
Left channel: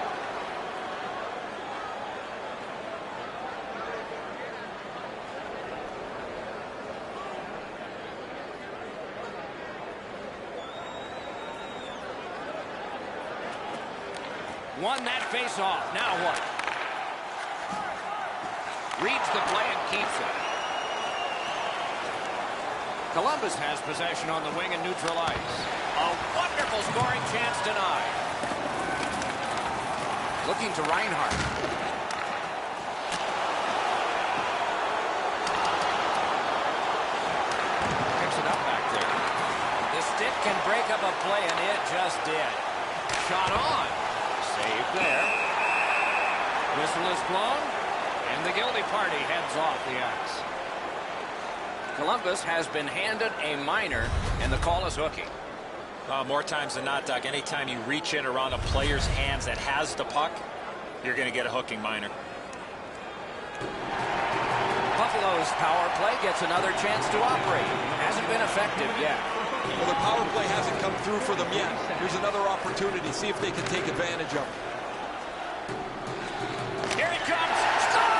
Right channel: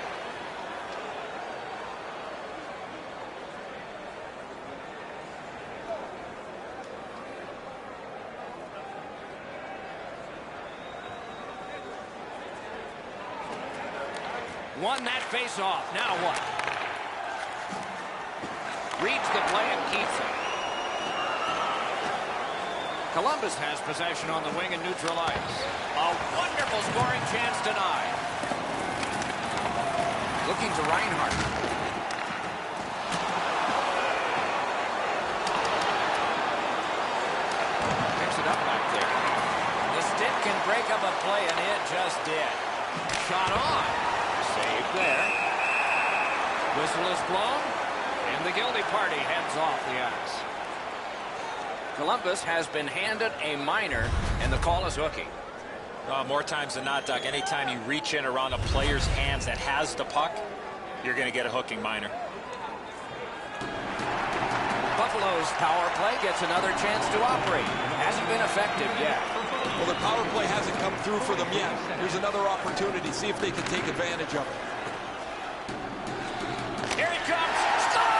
Won that face-off. Now what? Reads the play and keeps it. Columbus has possession on the wing and neutral ice. A wonderful scoring chance denied. Looking to Reinhart. Picks it up back there. The stick can break up a play, and it just did. Shot on. Saved there. Whistle is blown, and the guilty party heads off the ice. Columbus has been handed a minor, and the call is hooking. More times than not, Doug, anytime you reach in around a player's hands that has the puck, you're going to get a hooking minor. Buffalo's power play gets another chance to operate. Hasn't been effective yet. Well, their power play hasn't come through for them yet. Here's another opportunity. See if they can take advantage of it. Here he comes. Score!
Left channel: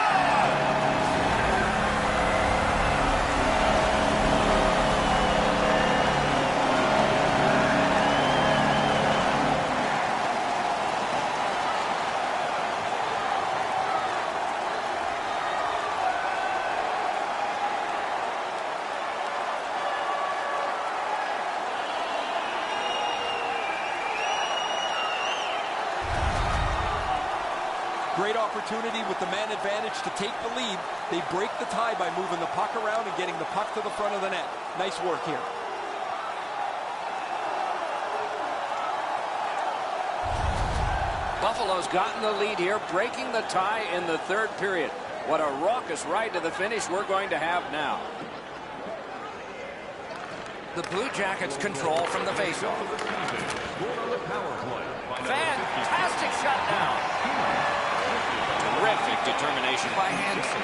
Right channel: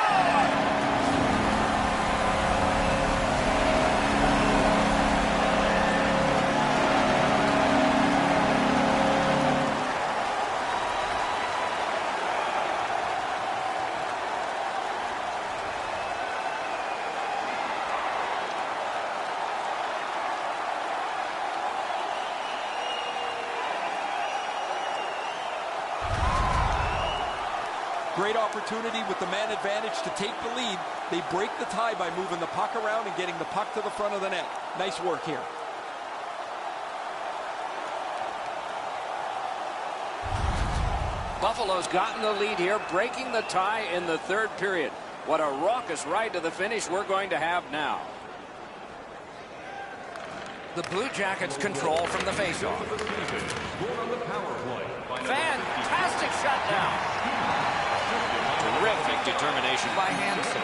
Great opportunity with the man advantage to take the lead. They break the tie by moving the puck around and getting the puck to the front of the net. Nice work here. Buffalo's gotten the lead here, breaking the tie in the third period. What a raucous ride to the finish we're going to have now. The Blue Jackets control from the faceoff. Fantastic shutdown. Terrific determination by Hansen.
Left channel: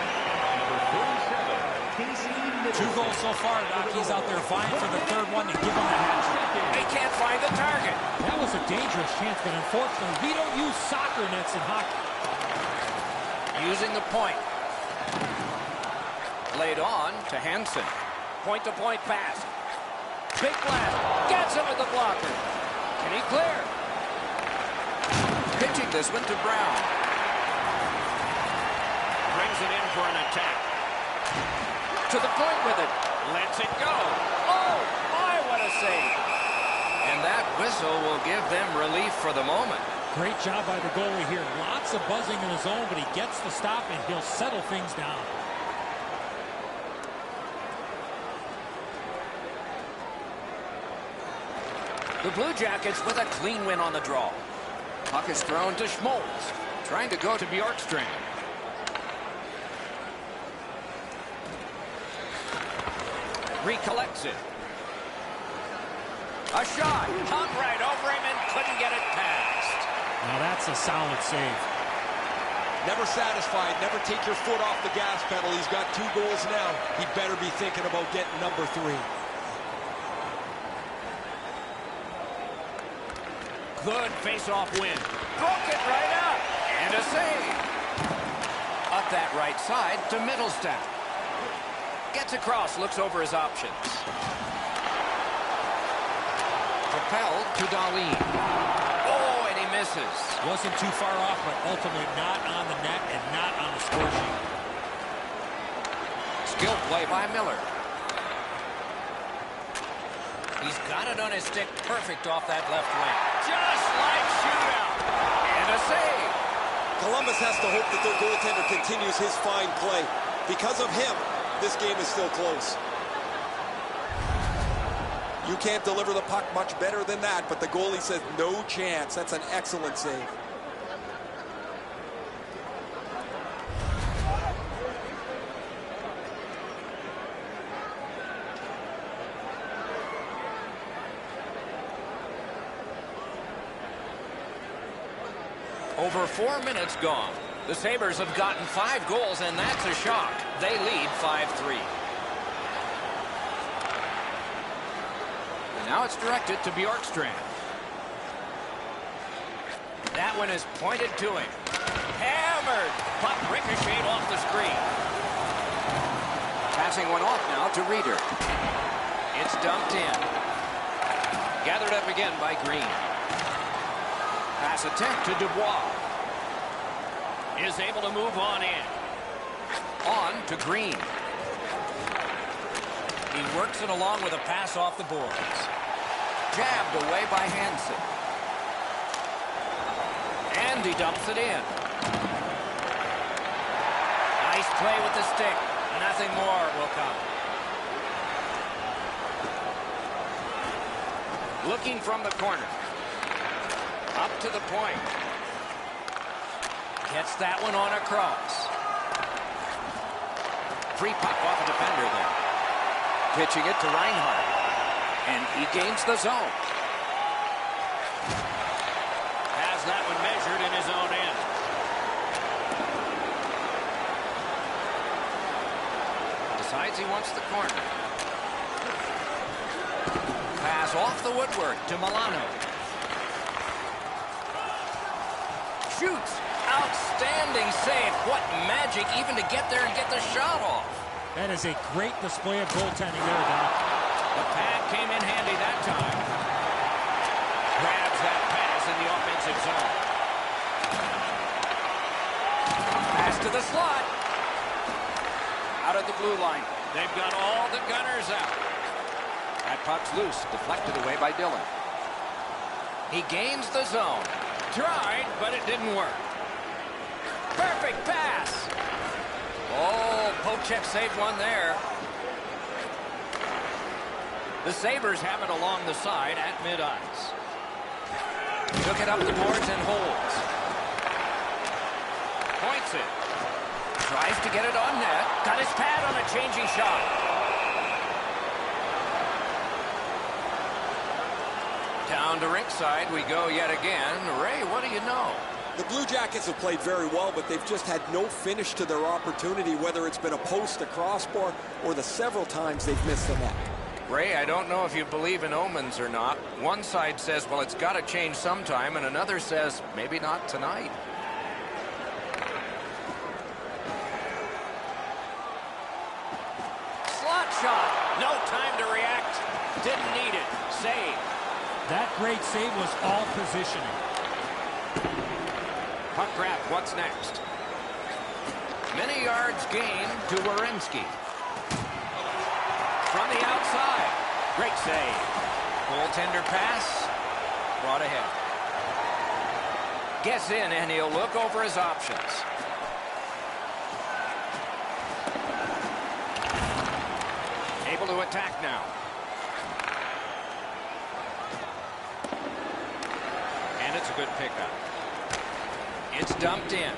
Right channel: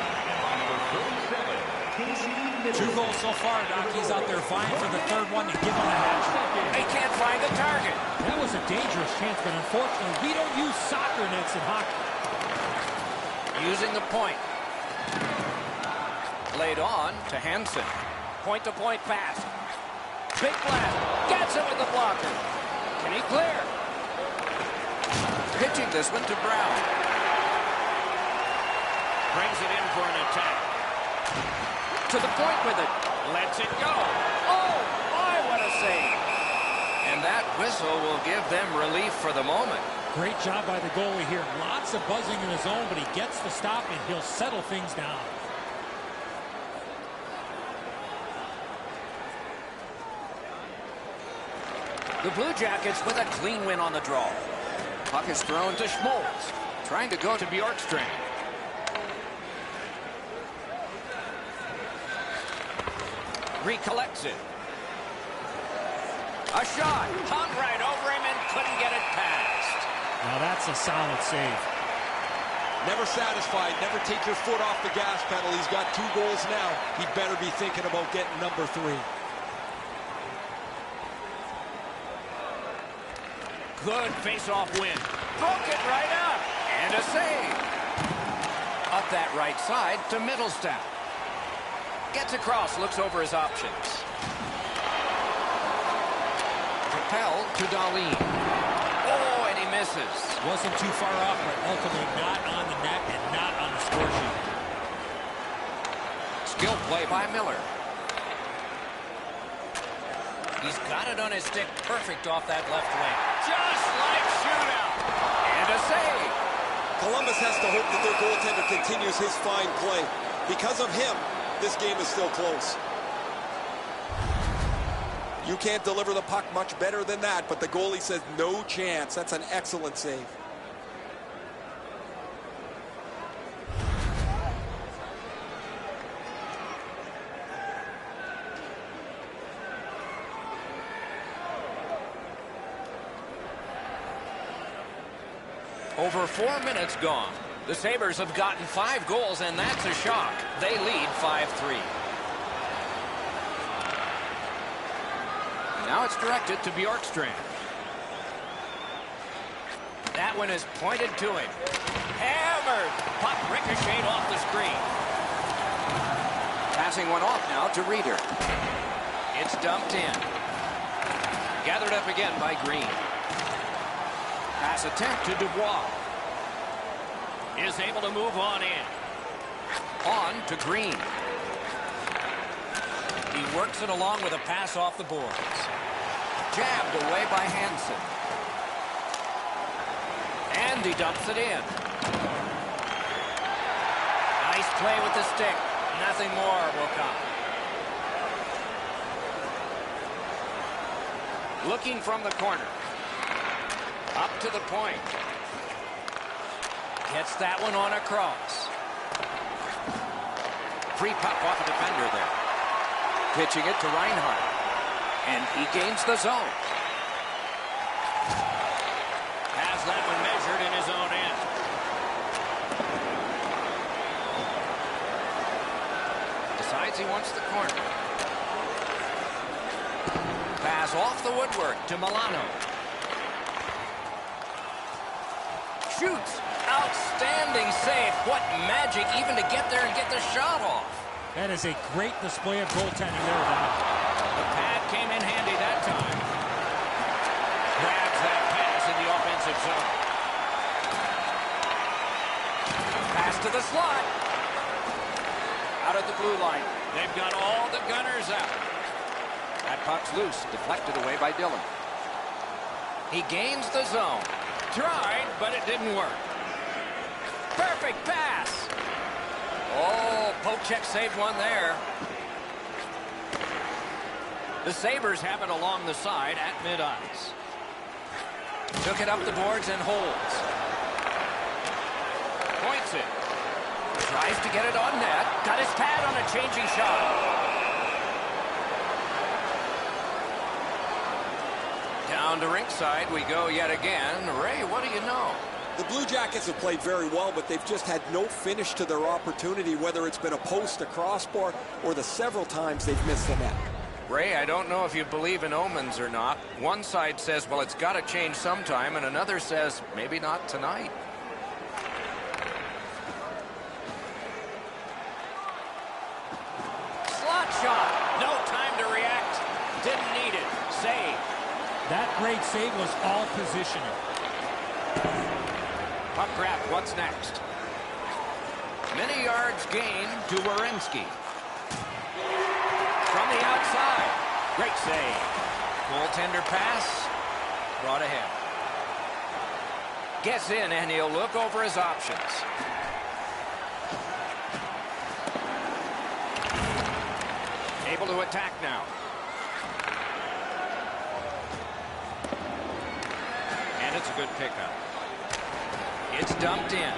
2 goals so far, Doc. He's out there vying for the third one to give him a hat trick. They can't find the target. That was a dangerous chance, but unfortunately, we don't use soccer nets in hockey. Using the point. Laid on to Hansen. Point-to-point pass. Big blast. Gets it with the blocker. Can he clear? Pitching this one to Brown. Brings it in for an attack. To the point with it. Lets it go. Oh, my, what a save. And that whistle will give them relief for the moment. Great job by the goalie here. Lots of buzzing in his zone, but he gets the stop, and he'll settle things down. The Blue Jackets with a clean win on the draw. Puck is thrown to Schmoltz. Trying to go to Bjorkstrand. Recollects it. A shot. Hung right over him and couldn't get it past. Now that's a solid save. Never satisfied. Never take your foot off the gas pedal. He's got 2 goals now. He'd better be thinking about getting number 3. Good face-off win. Broke it right up. And a save. Up that right side to Mittelstadt. Gets across, looks over his options. Propelled to Dahlin. Oh, and he misses. Wasn't too far off, but ultimately not on the net and not on the score sheet. Skill play by Miller. He's got it on his stick, perfect off that left wing. Just like shootout. And a save. Columbus has to hope that their goaltender continues his fine play. Because of him, this game is still close. You can't deliver the puck much better than that, but the goalie says no chance. That's an excellent save. Over 4 minutes gone. The Sabres have gotten 5 goals, and that's a shock. They lead 5-3. And now it's directed to Bjorkstrand. That one is pointed to him. Hammered. Puck ricocheted off the screen. Passing one off now to Reeder. It's dumped in. Gathered up again by Green. Pass attempt to Dubois. Is able to move on in. On to Green. He works it along with a pass off the boards. Jabbed away by Hansen. And he dumps it in. Nice play with the stick. Nothing more will come. Looking from the corner. Up to the point. Gets that one on across. Free puck off a defender there. Pitching it to Reinhardt. And he gains the zone. Has that one measured in his own end. Decides he wants the corner. Pass off the woodwork to Milano. Shoots. Outstanding save. What magic even to get there and get the shot off. That is a great display of goaltending there, Doc. The pad came in handy that time. Grabs that pass in the offensive zone. Pass to the slot. Out of the blue line. They've got all the gunners out. That puck's loose. Deflected away by Dillon. He gains the zone. Tried, but it didn't work. Perfect pass. Oh, Pocheck saved one there. The Sabres have it along the side at mid-ice. Took it up the boards and holds. Points it. Tries to get it on net. Got his pad on a changing shot. Down to rinkside we go yet again. Ray, what do you know? The Blue Jackets have played very well, but they've just had no finish to their opportunity, whether it's been a post, a crossbar, or the several times they've missed the net. Ray, I don't know if you believe in omens or not. One side says, well, it's got to change sometime, and another says, maybe not tonight. Slot shot. No time to react. Didn't need it. Save. That great save was all positioning. Puck grab. What's next? Many yards gained to Werenski. From the outside. Great save. Goaltender pass. Brought ahead. Gets in, and he'll look over his options. Able to attack now. And it's a good pickup. It's dumped in.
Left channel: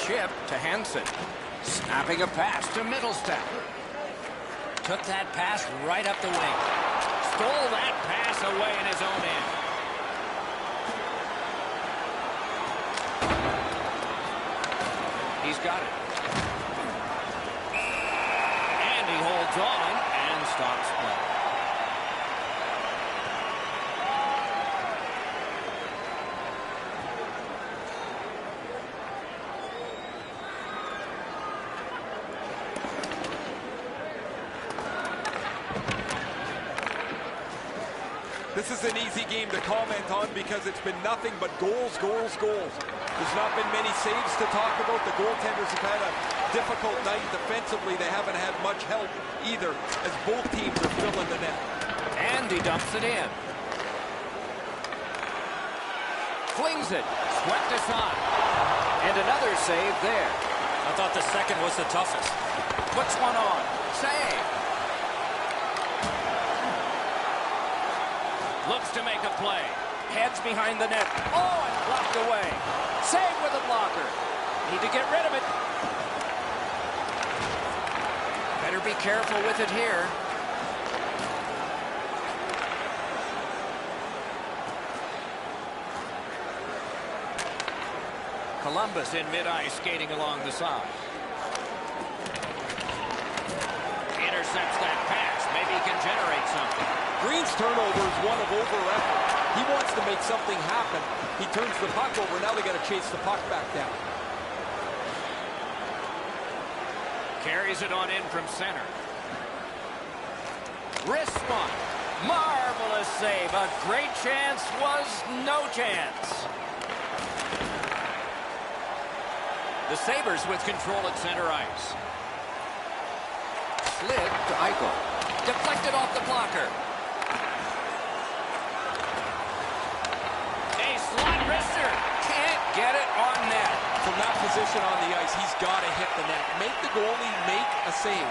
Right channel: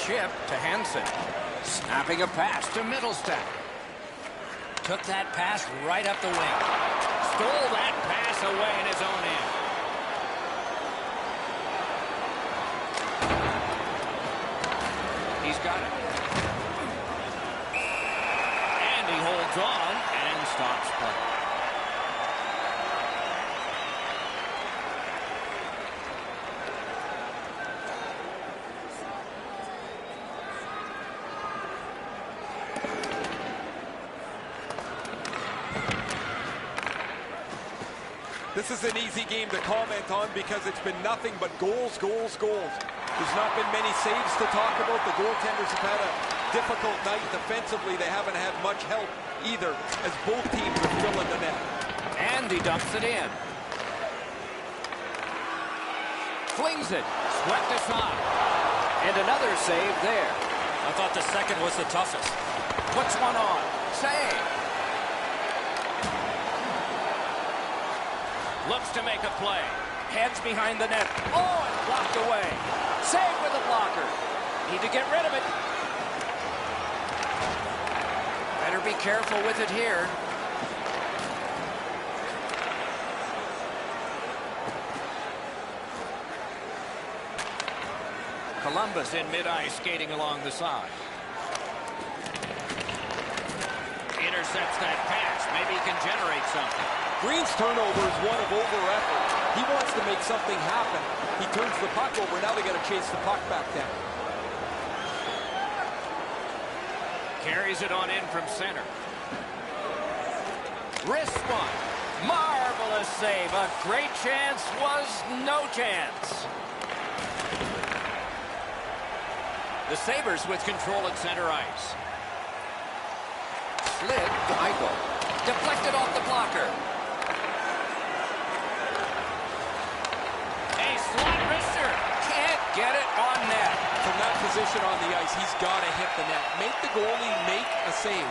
Chip to Hansen. Snapping a pass to Middlestat. Took that pass right up the wing. Stole that pass away in his own end. He's got it. And he holds on and stops play. This is an easy game to comment on because it's been nothing but goals, goals, goals. There's not been many saves to talk about. The goaltenders have had a difficult night. Defensively, they haven't had much help either, as both teams are filling the net. And he dumps it in. Flings it. Swept aside. And another save there. I thought the second was the toughest. Puts one on. Save. Looks to make a play. Heads behind the net. Oh, and blocked away. Save with a blocker. Need to get rid of it. Better be careful with it here. Columbus in mid-ice skating along the side. Intercepts that pass. Maybe he can generate something. Green's turnover is one of over-effort. He wants to make something happen. He turns the puck over. Now they got to chase the puck back down. Carries it on in from center. Wrist one. Marvelous save. A great chance was no chance. The Sabres with control at center ice. Slid to Eichel. Deflected off the blocker. A slot wrister. Can't get it on net. From that position on the ice, he's got to hit the net. Make the goalie make a save.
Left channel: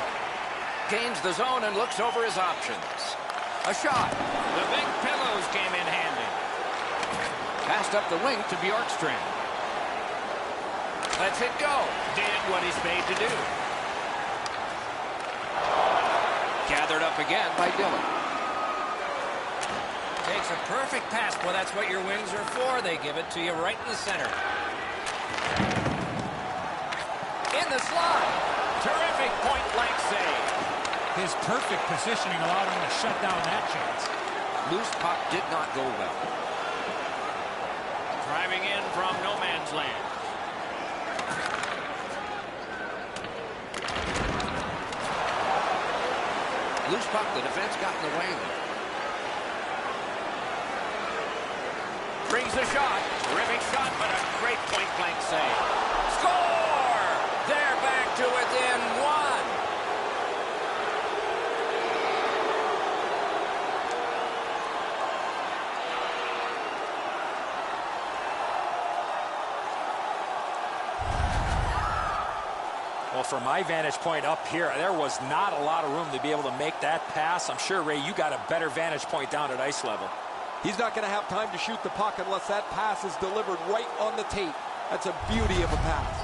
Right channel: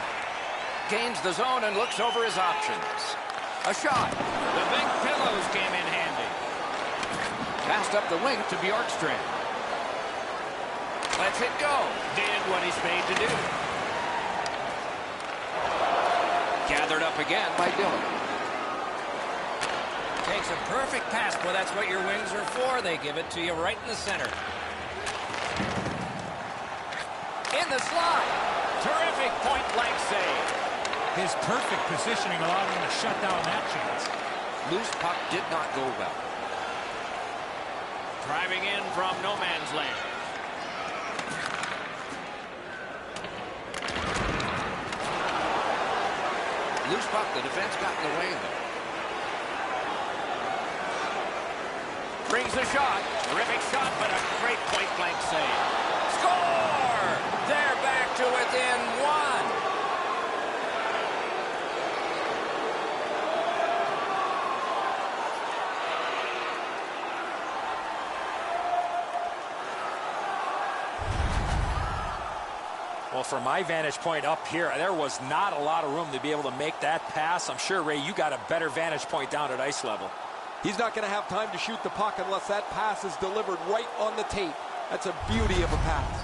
Gains the zone and looks over his options. A shot. The big pillows came in handy. Passed up the wing to Bjorkstrand. Lets it go. Did what he's made to do. Gathered up again by Dillon. Takes a perfect pass. Well, that's what your wings are for. They give it to you right in the center. In the slot. Terrific point-blank save. His perfect positioning allowed him to shut down that chance. Loose puck did not go well. Driving in from no man's land. Loose puck, the defense got in the way there. Brings a shot. Terrific shot, but a great point-blank save. Score! They're back to within one. Well, from my vantage point up here, there was not a lot of room to be able to make that pass. I'm sure, Ray, you got a better vantage point down at ice level. He's not going to have time to shoot the puck unless that pass is delivered right on the tape. That's a beauty of a pass.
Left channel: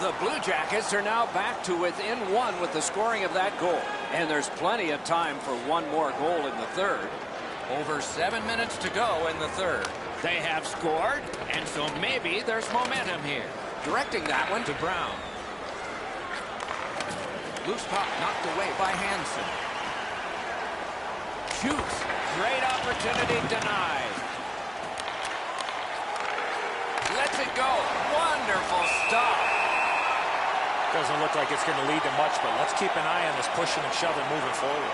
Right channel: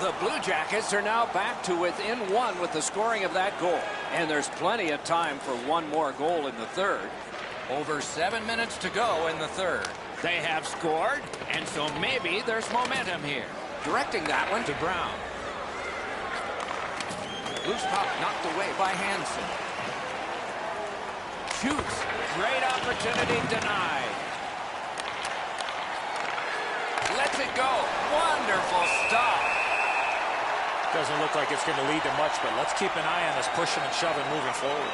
The Blue Jackets are now back to within one with the scoring of that goal. And there's plenty of time for one more goal in the third. Over 7 minutes to go in the third. They have scored, and so maybe there's momentum here. Directing that one to Brown. Loose puck knocked away by Hansen. Shoots. Great opportunity denied. Lets it go. Wonderful stop. Doesn't look like it's going to lead to much, but let's keep an eye on this pushing and shoving moving forward.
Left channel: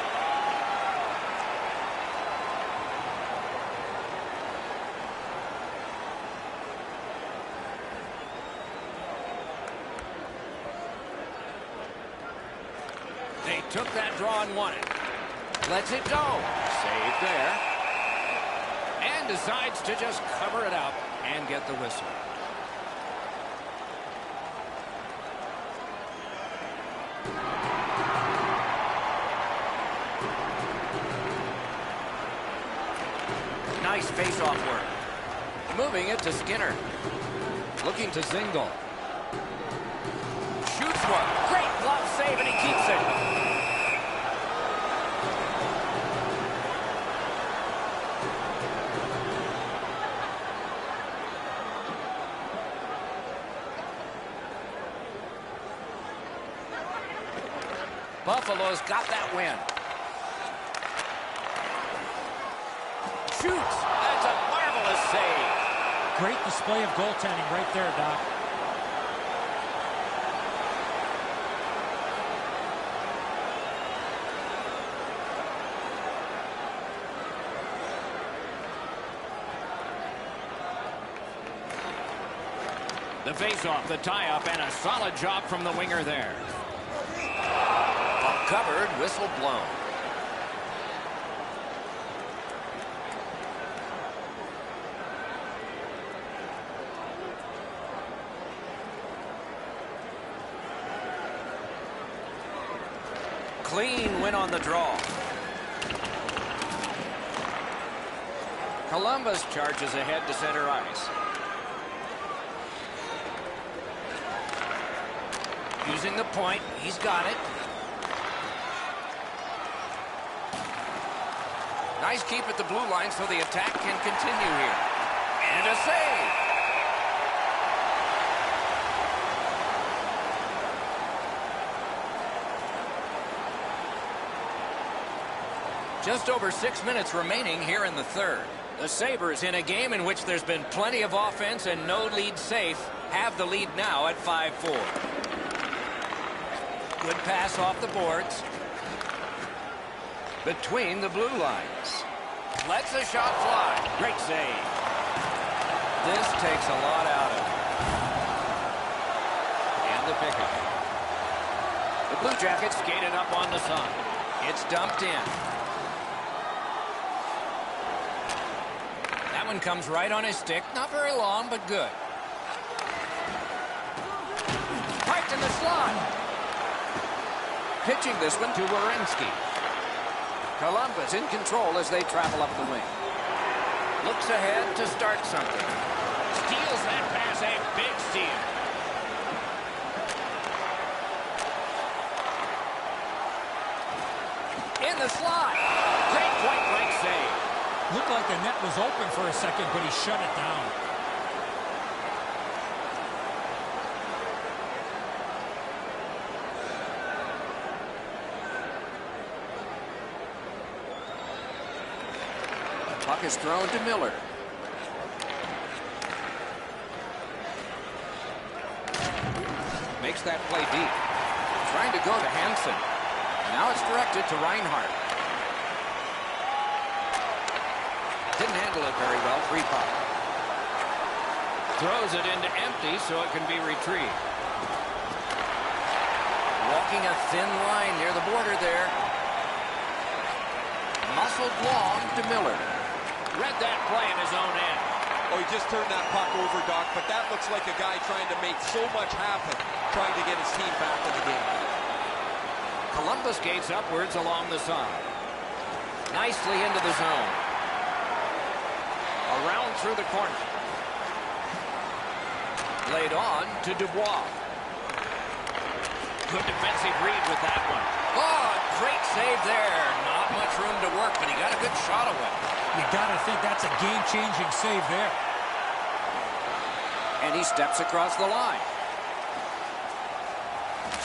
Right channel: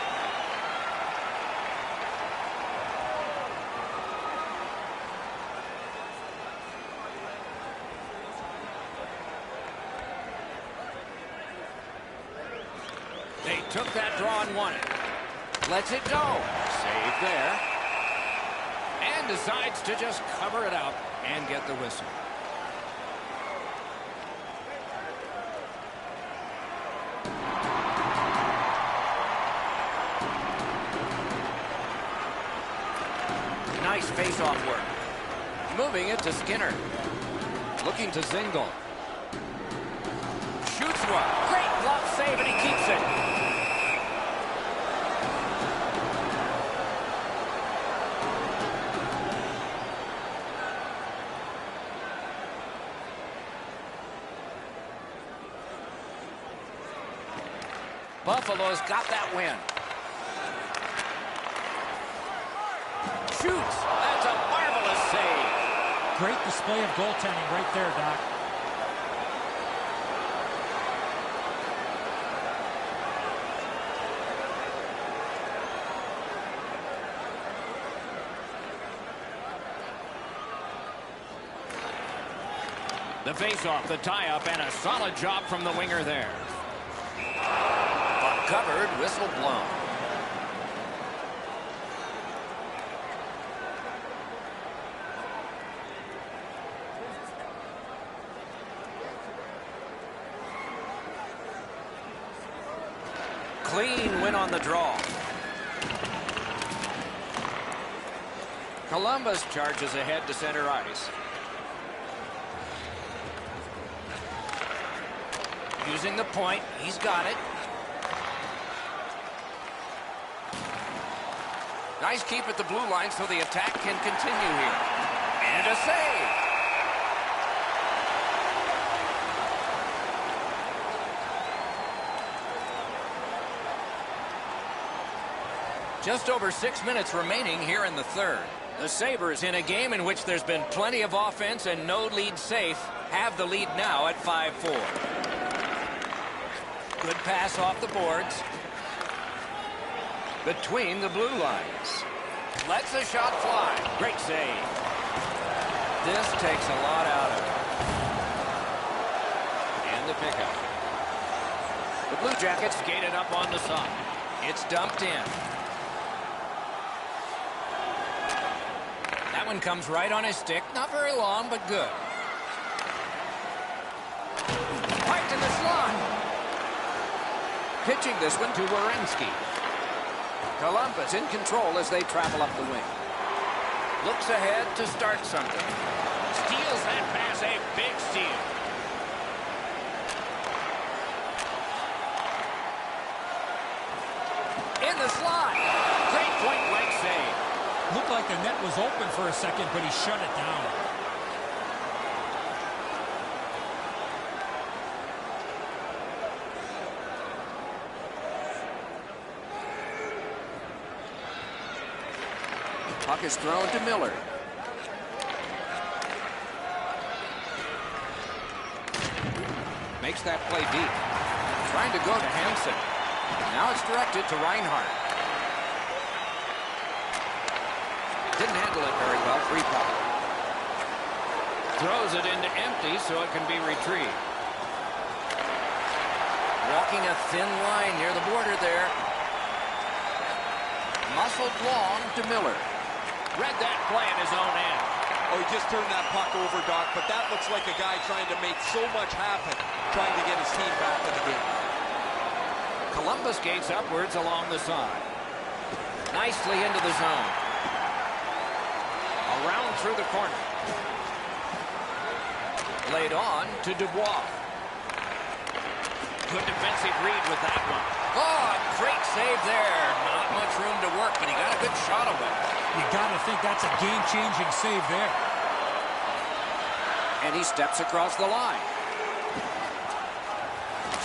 They took that draw and won it. Lets it go. Save there. And decides to just cover it up and get the whistle. Nice face-off work. Moving it to Skinner. Looking to Zingle. Shoots one. Great glove save, and he keeps it. Buffalo's got that win. Shoots. That's a marvelous save. Great display of goaltending right there, Doc. The face-off, the tie-up, and a solid job from the winger there. Puck covered, whistle blown. Clean win on the draw. Columbus charges ahead to center ice. Using the point, he's got it. Nice keep at the blue line so the attack can continue here. And a save. Just over 6 minutes remaining here in the third. The Sabres, in a game in which there's been plenty of offense and no lead safe, have the lead now at 5-4. Good pass off the boards. Between the blue lines. Lets the shot fly. Great save. This takes a lot out of it. And the pickup. The Blue Jackets skated up on the side. It's dumped in. That one comes right on his stick. Not very long, but good. Parked in the slot. Pitching this one to Werenski. Columbus in control as they travel up the wing. Looks ahead to start something. Steals that pass, a big steal. In the slot. Great point-blank save. Looked like the net was open for a second, but he shut it down. Puck is thrown to Miller. Makes that play deep. Trying to go to Hansen. Now it's directed to Reinhart. Didn't handle it very well. Free puck. Throws it into empty so it can be retrieved. Walking a thin line near the border there. Muscled long to Miller. Read that play in his own end. Oh, he just turned that puck over, Doc, but that looks like a guy trying to make so much happen, trying to get his team back in the game. Columbus gates upwards along the side. Nicely into the zone. Around through the corner. Laid on to Dubois. Good defensive read with that one. Oh, great save there. Not much room to work, but he got a good shot away. You got to think that's a game-changing save there. And he steps across the line.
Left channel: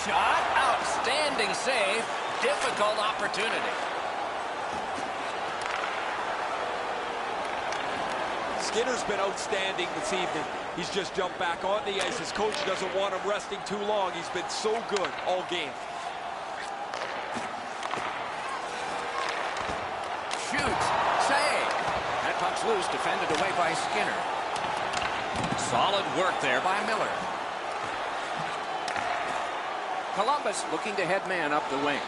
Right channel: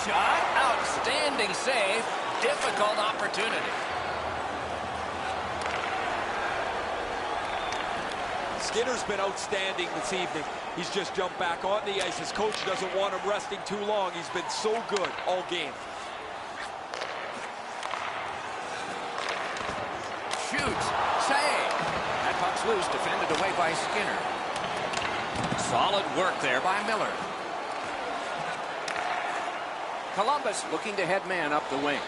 Shot, outstanding save, difficult opportunity. Skinner's been outstanding this evening. He's just jumped back on the ice. His coach doesn't want him resting too long. He's been so good all game. Shoots, save. That puck's loose, defended away by Skinner. Solid work there by Miller. Columbus looking to head man up the wing.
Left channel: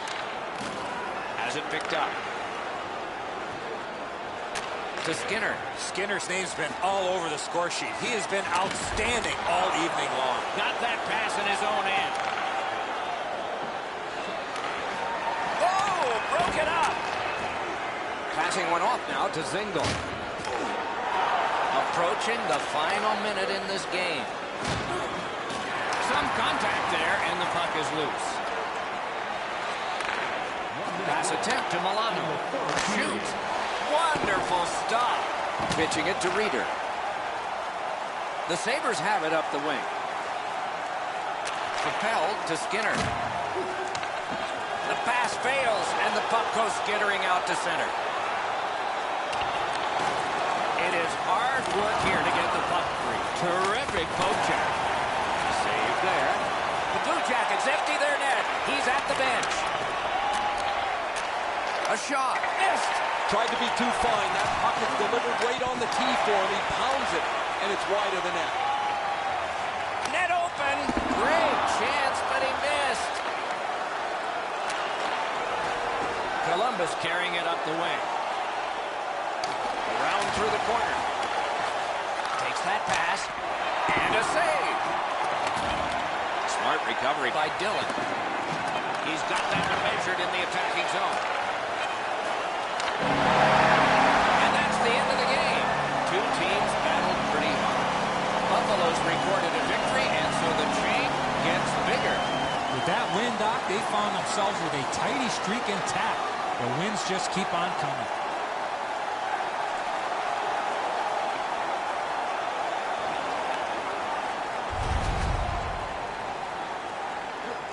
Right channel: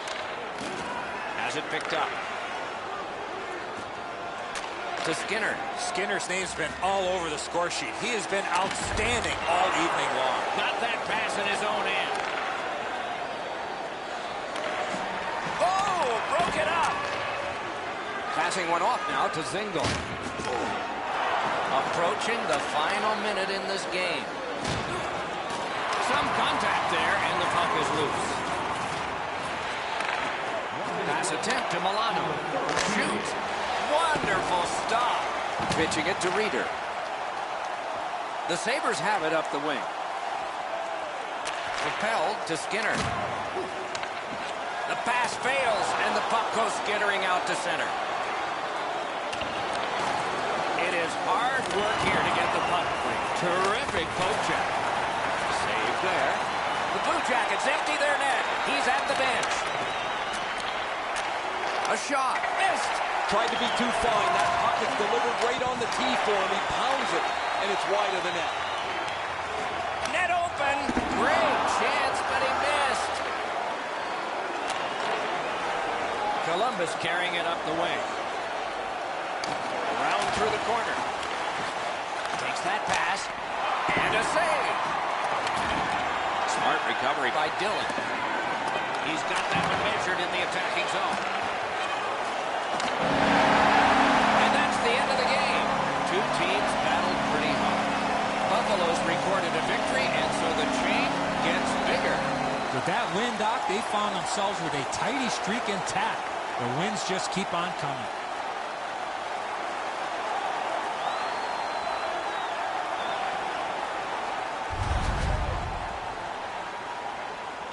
Has it picked up. To Skinner. Skinner's name's been all over the score sheet. He has been outstanding all evening long. Got that pass in his own end. Oh, broke it up. Passing one off now to Zingle. Approaching the final minute in this game. Some contact there, and the puck is loose. Pass attempt to Milano. Shoot. Wonderful stop. Pitching it to Reeder. The Sabres have it up the wing. Propelled to Skinner. The pass fails, and the puck goes skittering out to center. It is hard work here to get the puck free. Terrific poke check. Save there. The Blue Jackets empty their net. He's at the bench. A shot. Missed. Tried to be too fine. That puck is delivered right on the tee for him. He pounds it, and it's wide of the net. Net open. Great chance, but he missed. Columbus carrying it up the wing. Around through the corner. Takes that pass. And a save. Smart recovery by Dillon. He's got that one measured in the attacking zone. And that's the end of the game. Two teams battled pretty hard. Buffalo's recorded a victory, and so the chain gets bigger. With that win, Doc, they found themselves with a tidy streak intact. The wins just keep on coming.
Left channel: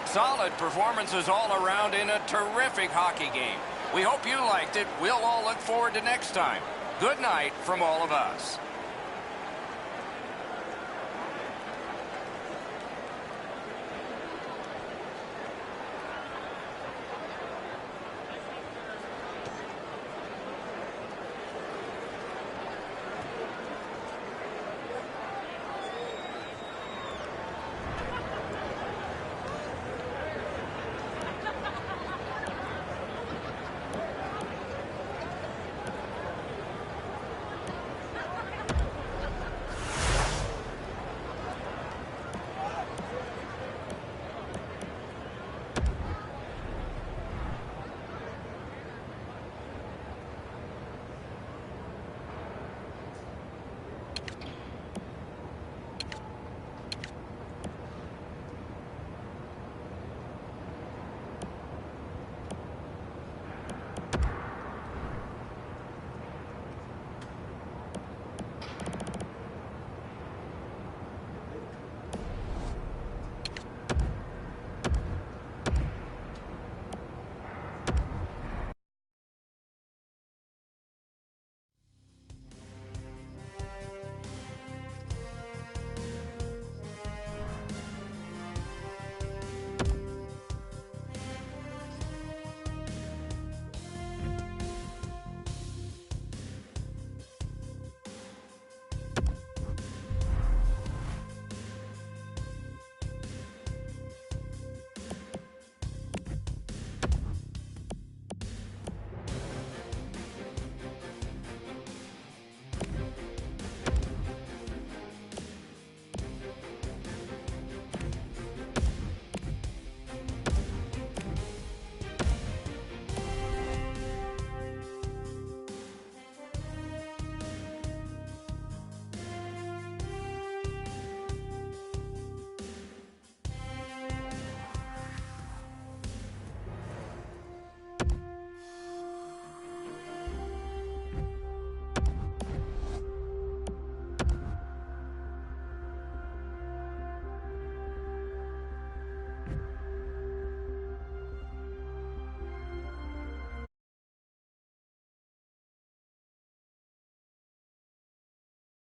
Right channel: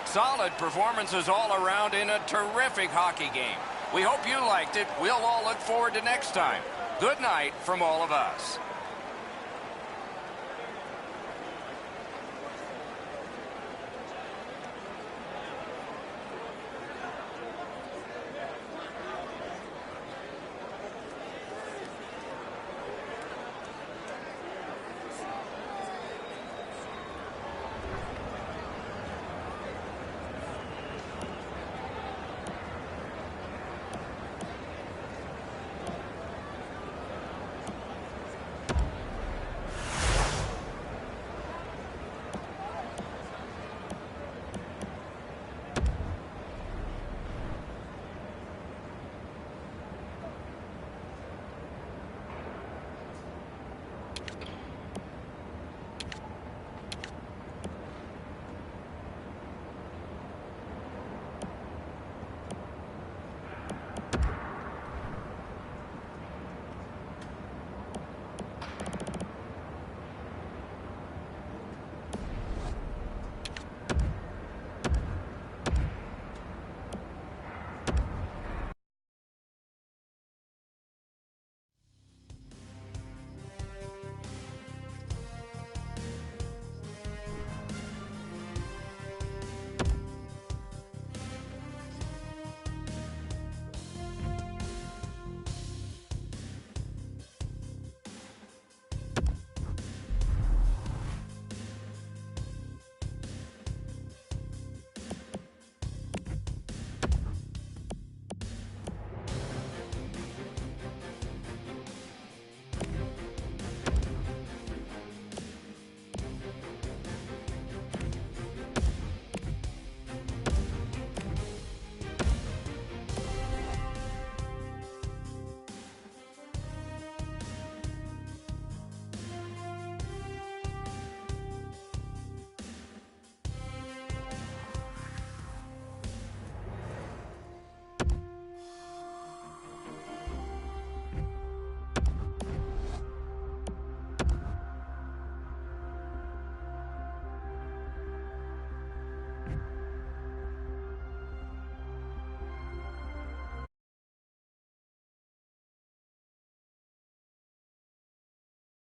Solid performances all around in a terrific hockey game. We hope you liked it. We'll all look forward to next time. Good night from all of us.